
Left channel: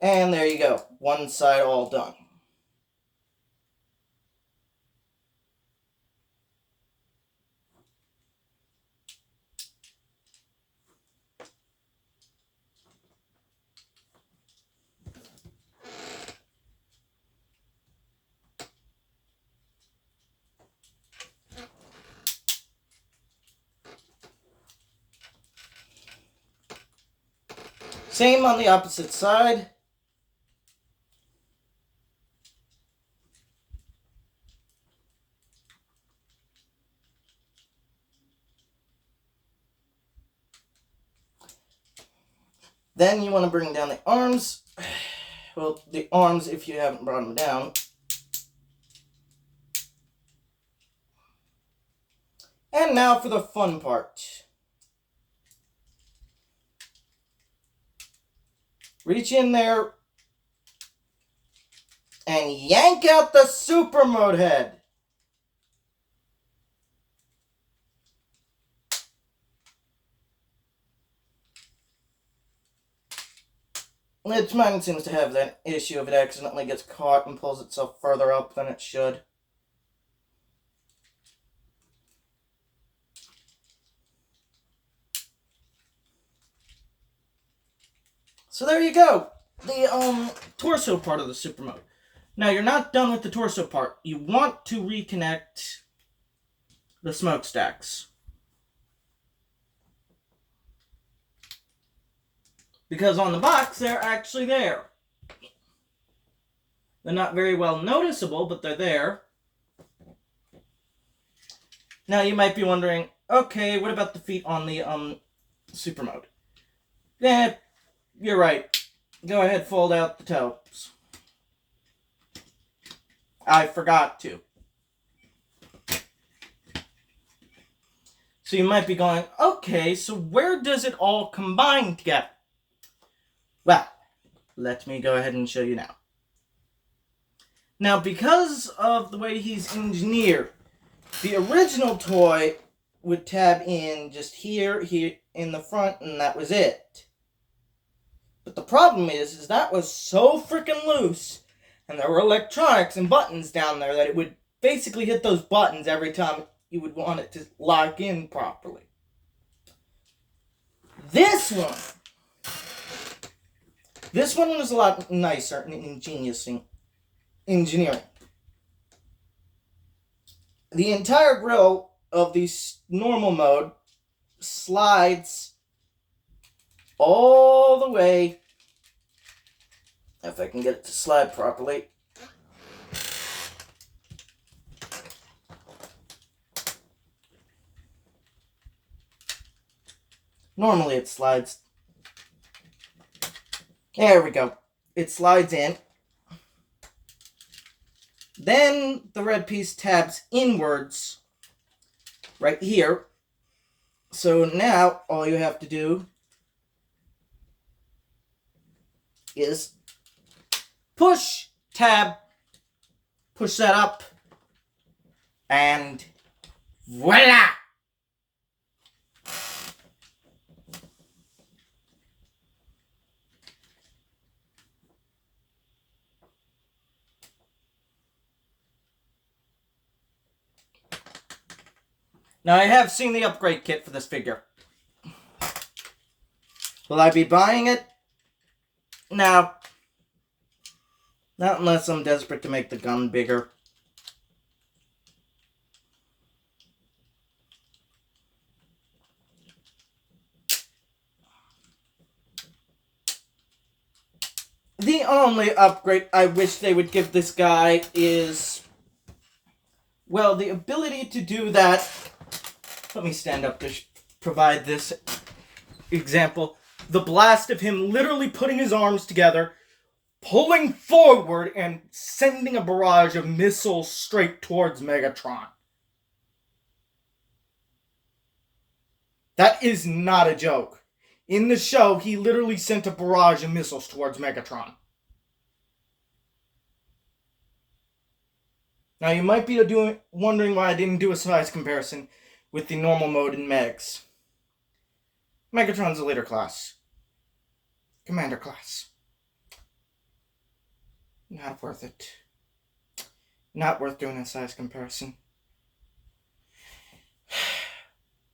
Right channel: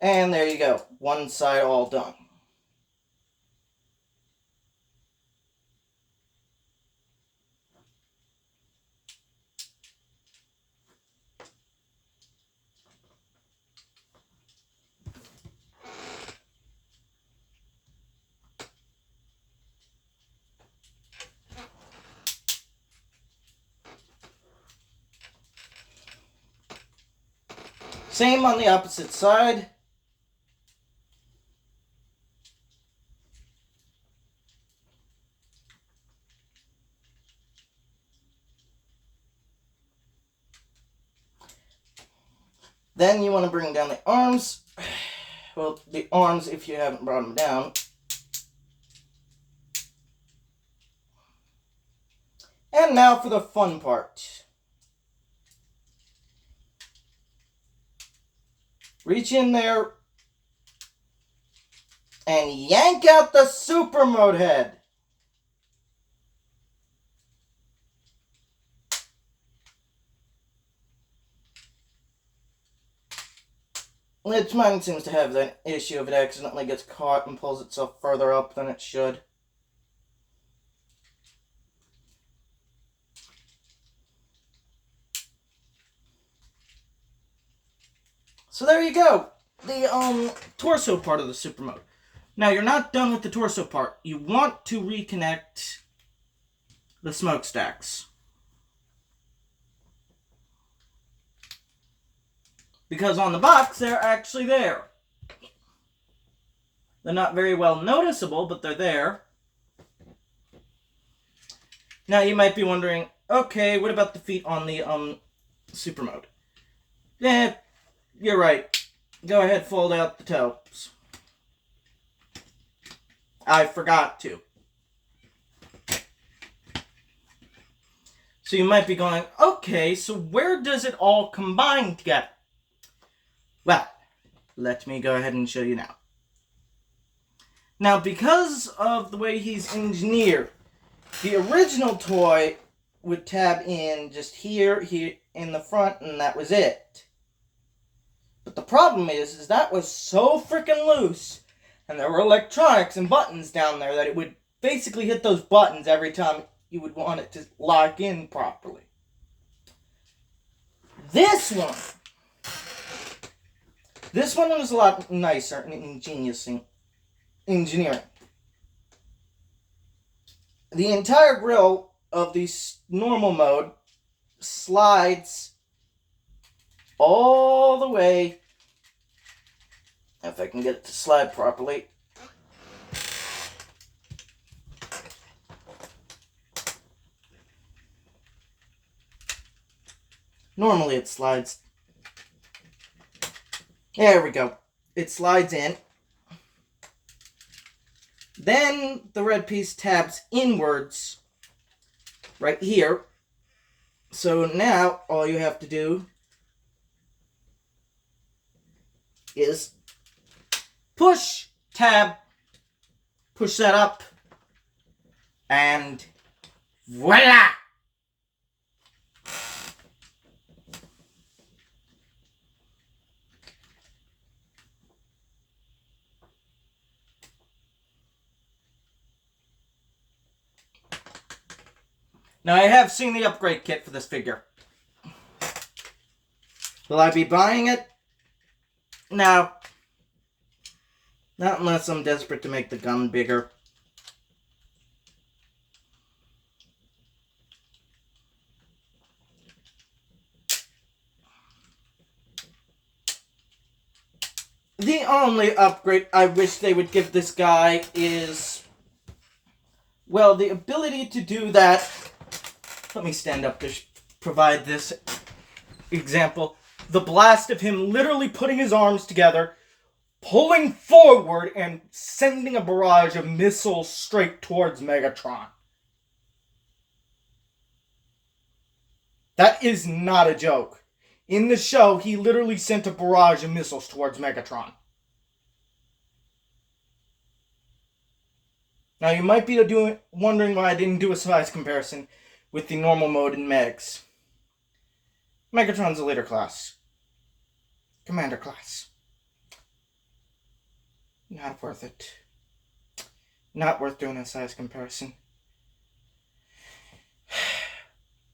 And there you go. One side all done. Same on the opposite side. Then you want to bring down the arms. Well, the arms if you haven't brought them down. And now for the fun part. Reach in there and yank out the super mode head. Which mine seems to have that issue if it accidentally gets caught and pulls itself further up than it should. So there you go. The torso part of the super mode. Now you're not done with the torso part. You want to reconnect the smokestacks. Because on the box, they're actually there. They're not very well noticeable, but they're there. Now you might be wondering, okay, what about the feet on the super mode? Yeah, you're right. Go ahead, fold out the toes. I forgot to. So you might be going, okay, so where does it all combine together? Well, let me go ahead and show you now. Now, because of the way he's engineered, the original toy would tab in just here in the front, and that was it. But the problem is that was so freaking loose, and there were electronics and buttons down there that it would basically hit those buttons every time you would want it to lock in properly. This one was a lot nicer and ingenious in engineering. The entire grill of the normal mode slides all the way, if I can get it to slide properly. Normally it slides. There we go. It slides in. Then the red piece tabs inwards right here. So now all you have to do is push tab, push that up, and voila! Now, I have seen the upgrade kit for this figure. Will I be buying it? No. Not unless I'm desperate to make the gun bigger. The only upgrade I wish they would give this guy is, well, the ability to do that. Let me stand up to provide this example. The blast of him literally putting his arms together, pulling forward, and sending a barrage of missiles straight towards Megatron. That is not a joke. In the show, he literally sent a barrage of missiles towards Megatron. Now, you might be wondering why I didn't do a size comparison with the normal mode in Megs. Megatron's a later class. Commander class. Not worth it. Not worth doing a size comparison.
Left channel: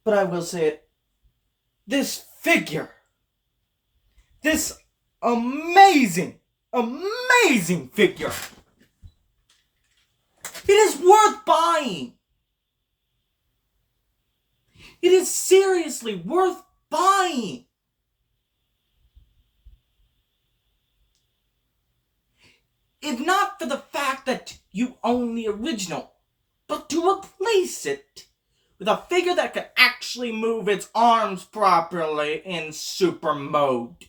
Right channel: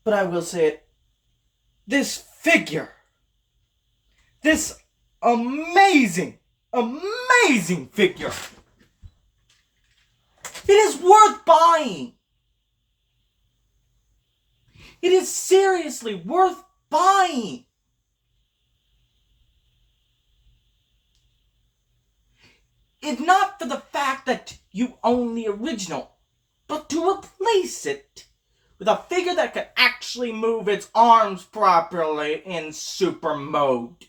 But I will say it. This figure. This amazing figure. It is worth buying. It is seriously worth buying. if not for the fact that you own the original, but to replace it with a figure that can actually move its arms properly in super mode.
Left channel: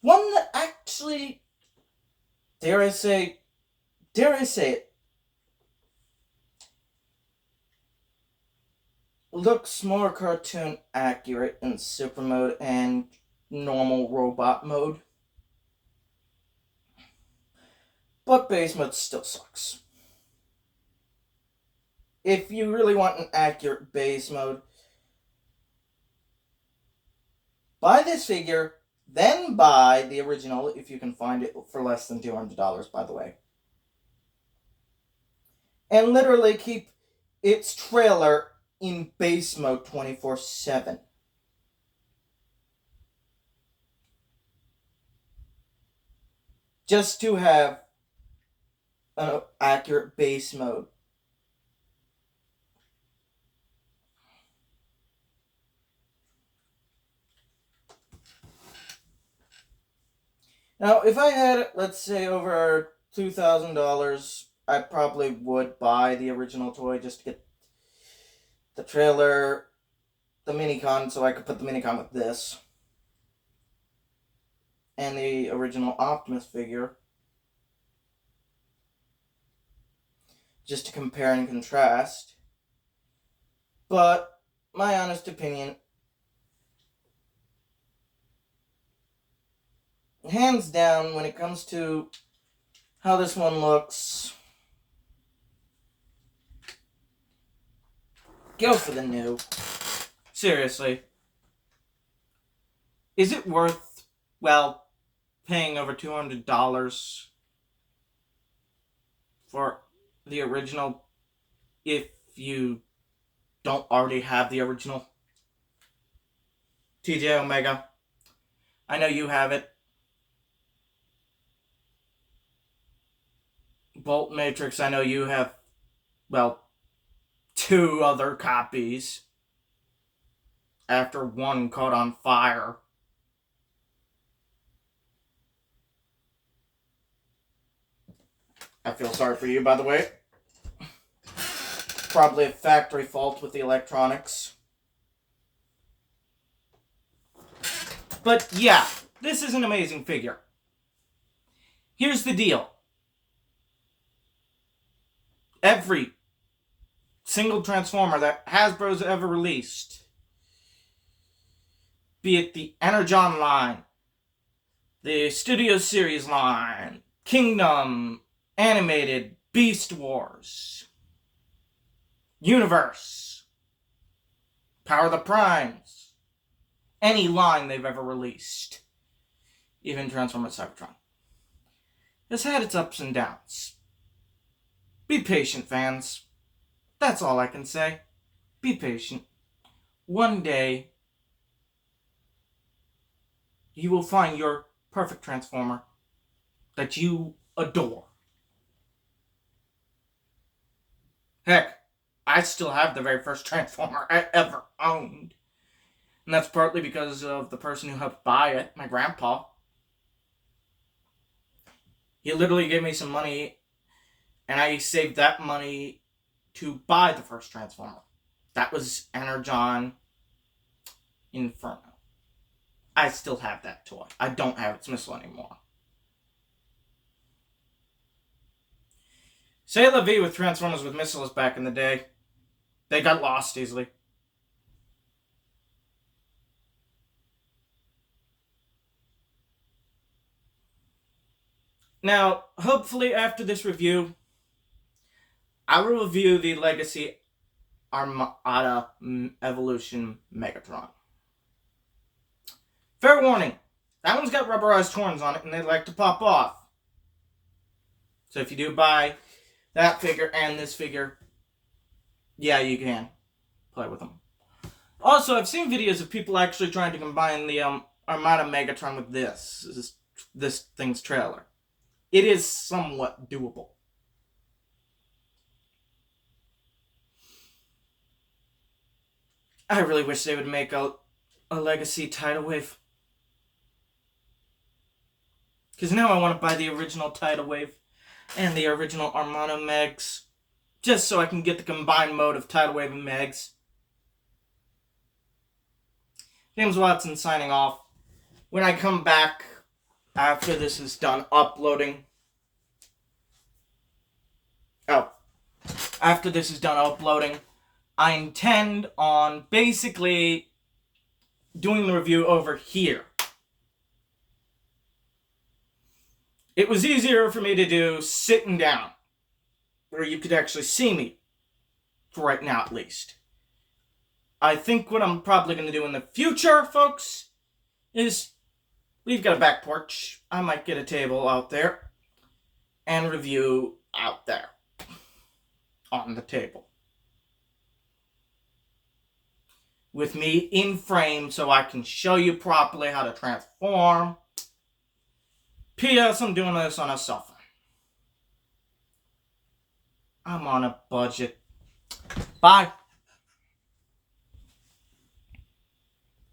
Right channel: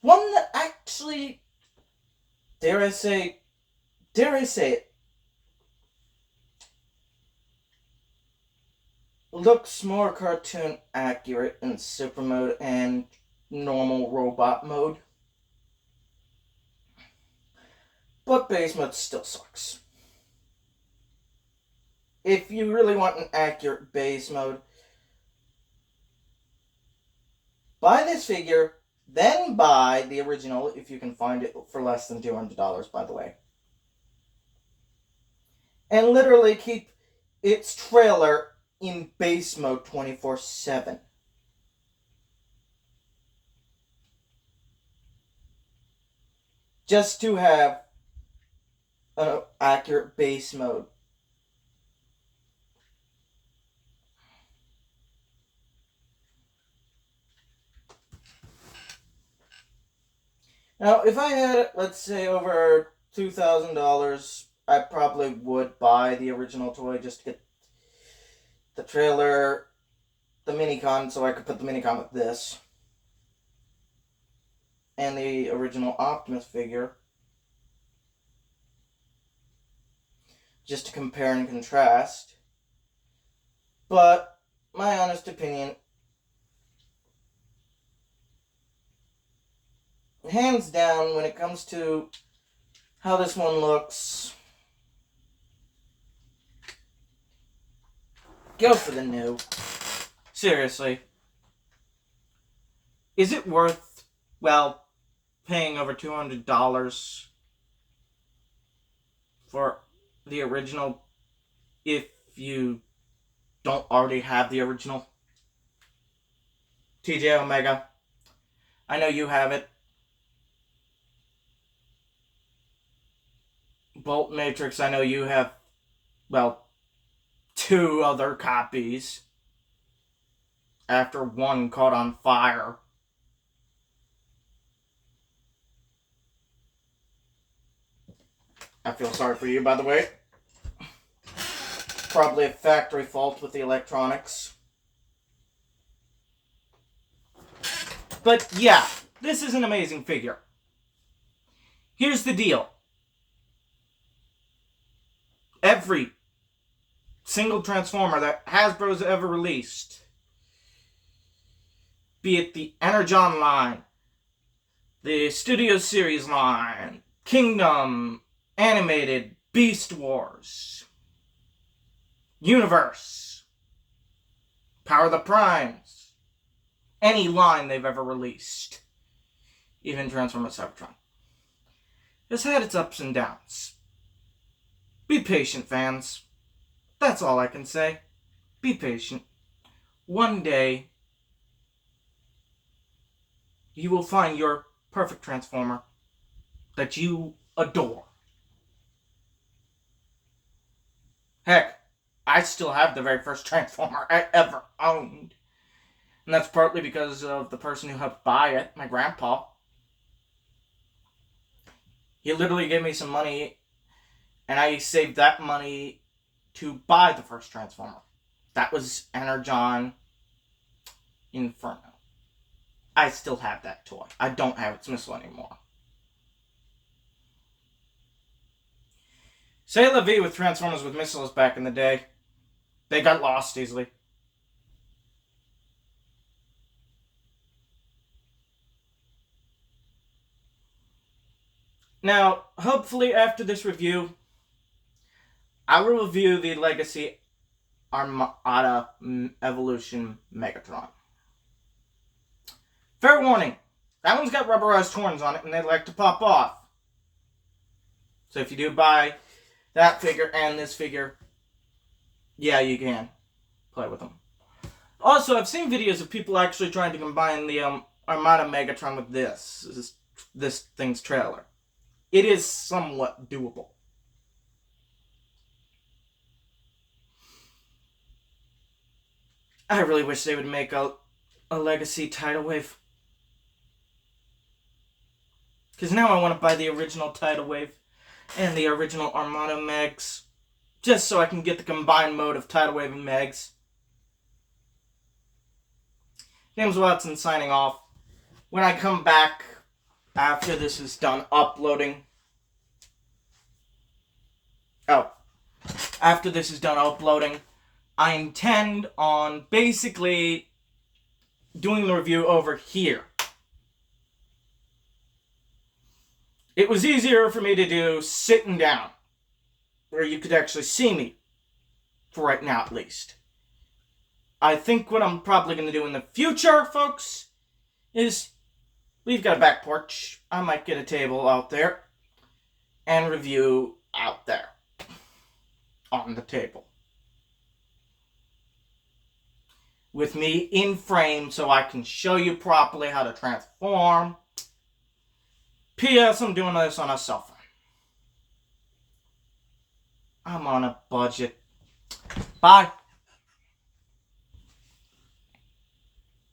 One that actually, dare I say it, looks more cartoon accurate in super mode and normal robot mode. But base mode still sucks. If you really want an accurate base mode, buy this figure, then buy the original if you can find it for less than $200, by the way. And literally keep its trailer in base mode 24/7. Just to have an accurate base mode. Now, if I had, let's say, over $2,000, I probably would buy the original toy just to get the trailer, the minicon, so I could put the minicon with this, and the original Optimus figure, just to compare and contrast. But my honest opinion, hands down, when it comes to how this one looks, go for the new. Seriously. Is it worth, well, paying over $200 for the original if you don't already have the original? TJ Omega, I know you have it. Bolt Matrix, I know you have, well, 2 other copies after one caught on fire. I feel sorry for you, by the way. Probably a factory fault with the electronics. But yeah, this is an amazing figure. Here's the deal. Every single Transformer that Hasbro's ever released, be it the Energon line, the Studio Series line, Kingdom, Animated, Beast Wars, Universe, Power of the Primes, any line they've ever released, even Transformers Cybertron, has had its ups and downs. Be patient, fans. That's all I can say. Be patient. One day, you will find your perfect Transformer that you adore. Heck, I still have the very first Transformer I ever owned. And that's partly because of the person who helped buy it, my grandpa. He literally gave me some money, and I saved that money to buy the first Transformer. That was Energon Inferno. I still have that toy. I don't have its missile anymore. Say la vie with Transformers with missiles back in the day. They got lost easily. Now, hopefully after this review, I will review the Legacy Armada Evolution Megatron. Fair warning, that one's got rubberized horns on it and they like to pop off. So if you do buy that figure and this figure, yeah, you can play with them. Also, I've seen videos of people actually trying to combine the Armada Megatron with this thing's trailer. It is somewhat doable. I really wish they would make a Legacy tidal wave. Because now I want to buy the original Tidal Wave and the original Armada Megs. Just so I can get the combined mode of Tidal Wave and Megs. James Watson signing off. When I come back after this is done uploading. After this is done uploading, I intend on basically doing the review over here. It was easier for me to do sitting down, where you could actually see me, for right now at least. I think what I'm probably going to do in the future, folks, is we've got a back porch. I might get a table out there and review out there on the table. With me in frame so I can show you properly how to transform. P.S. I'm doing this on a cell phone. I'm on a budget. Bye.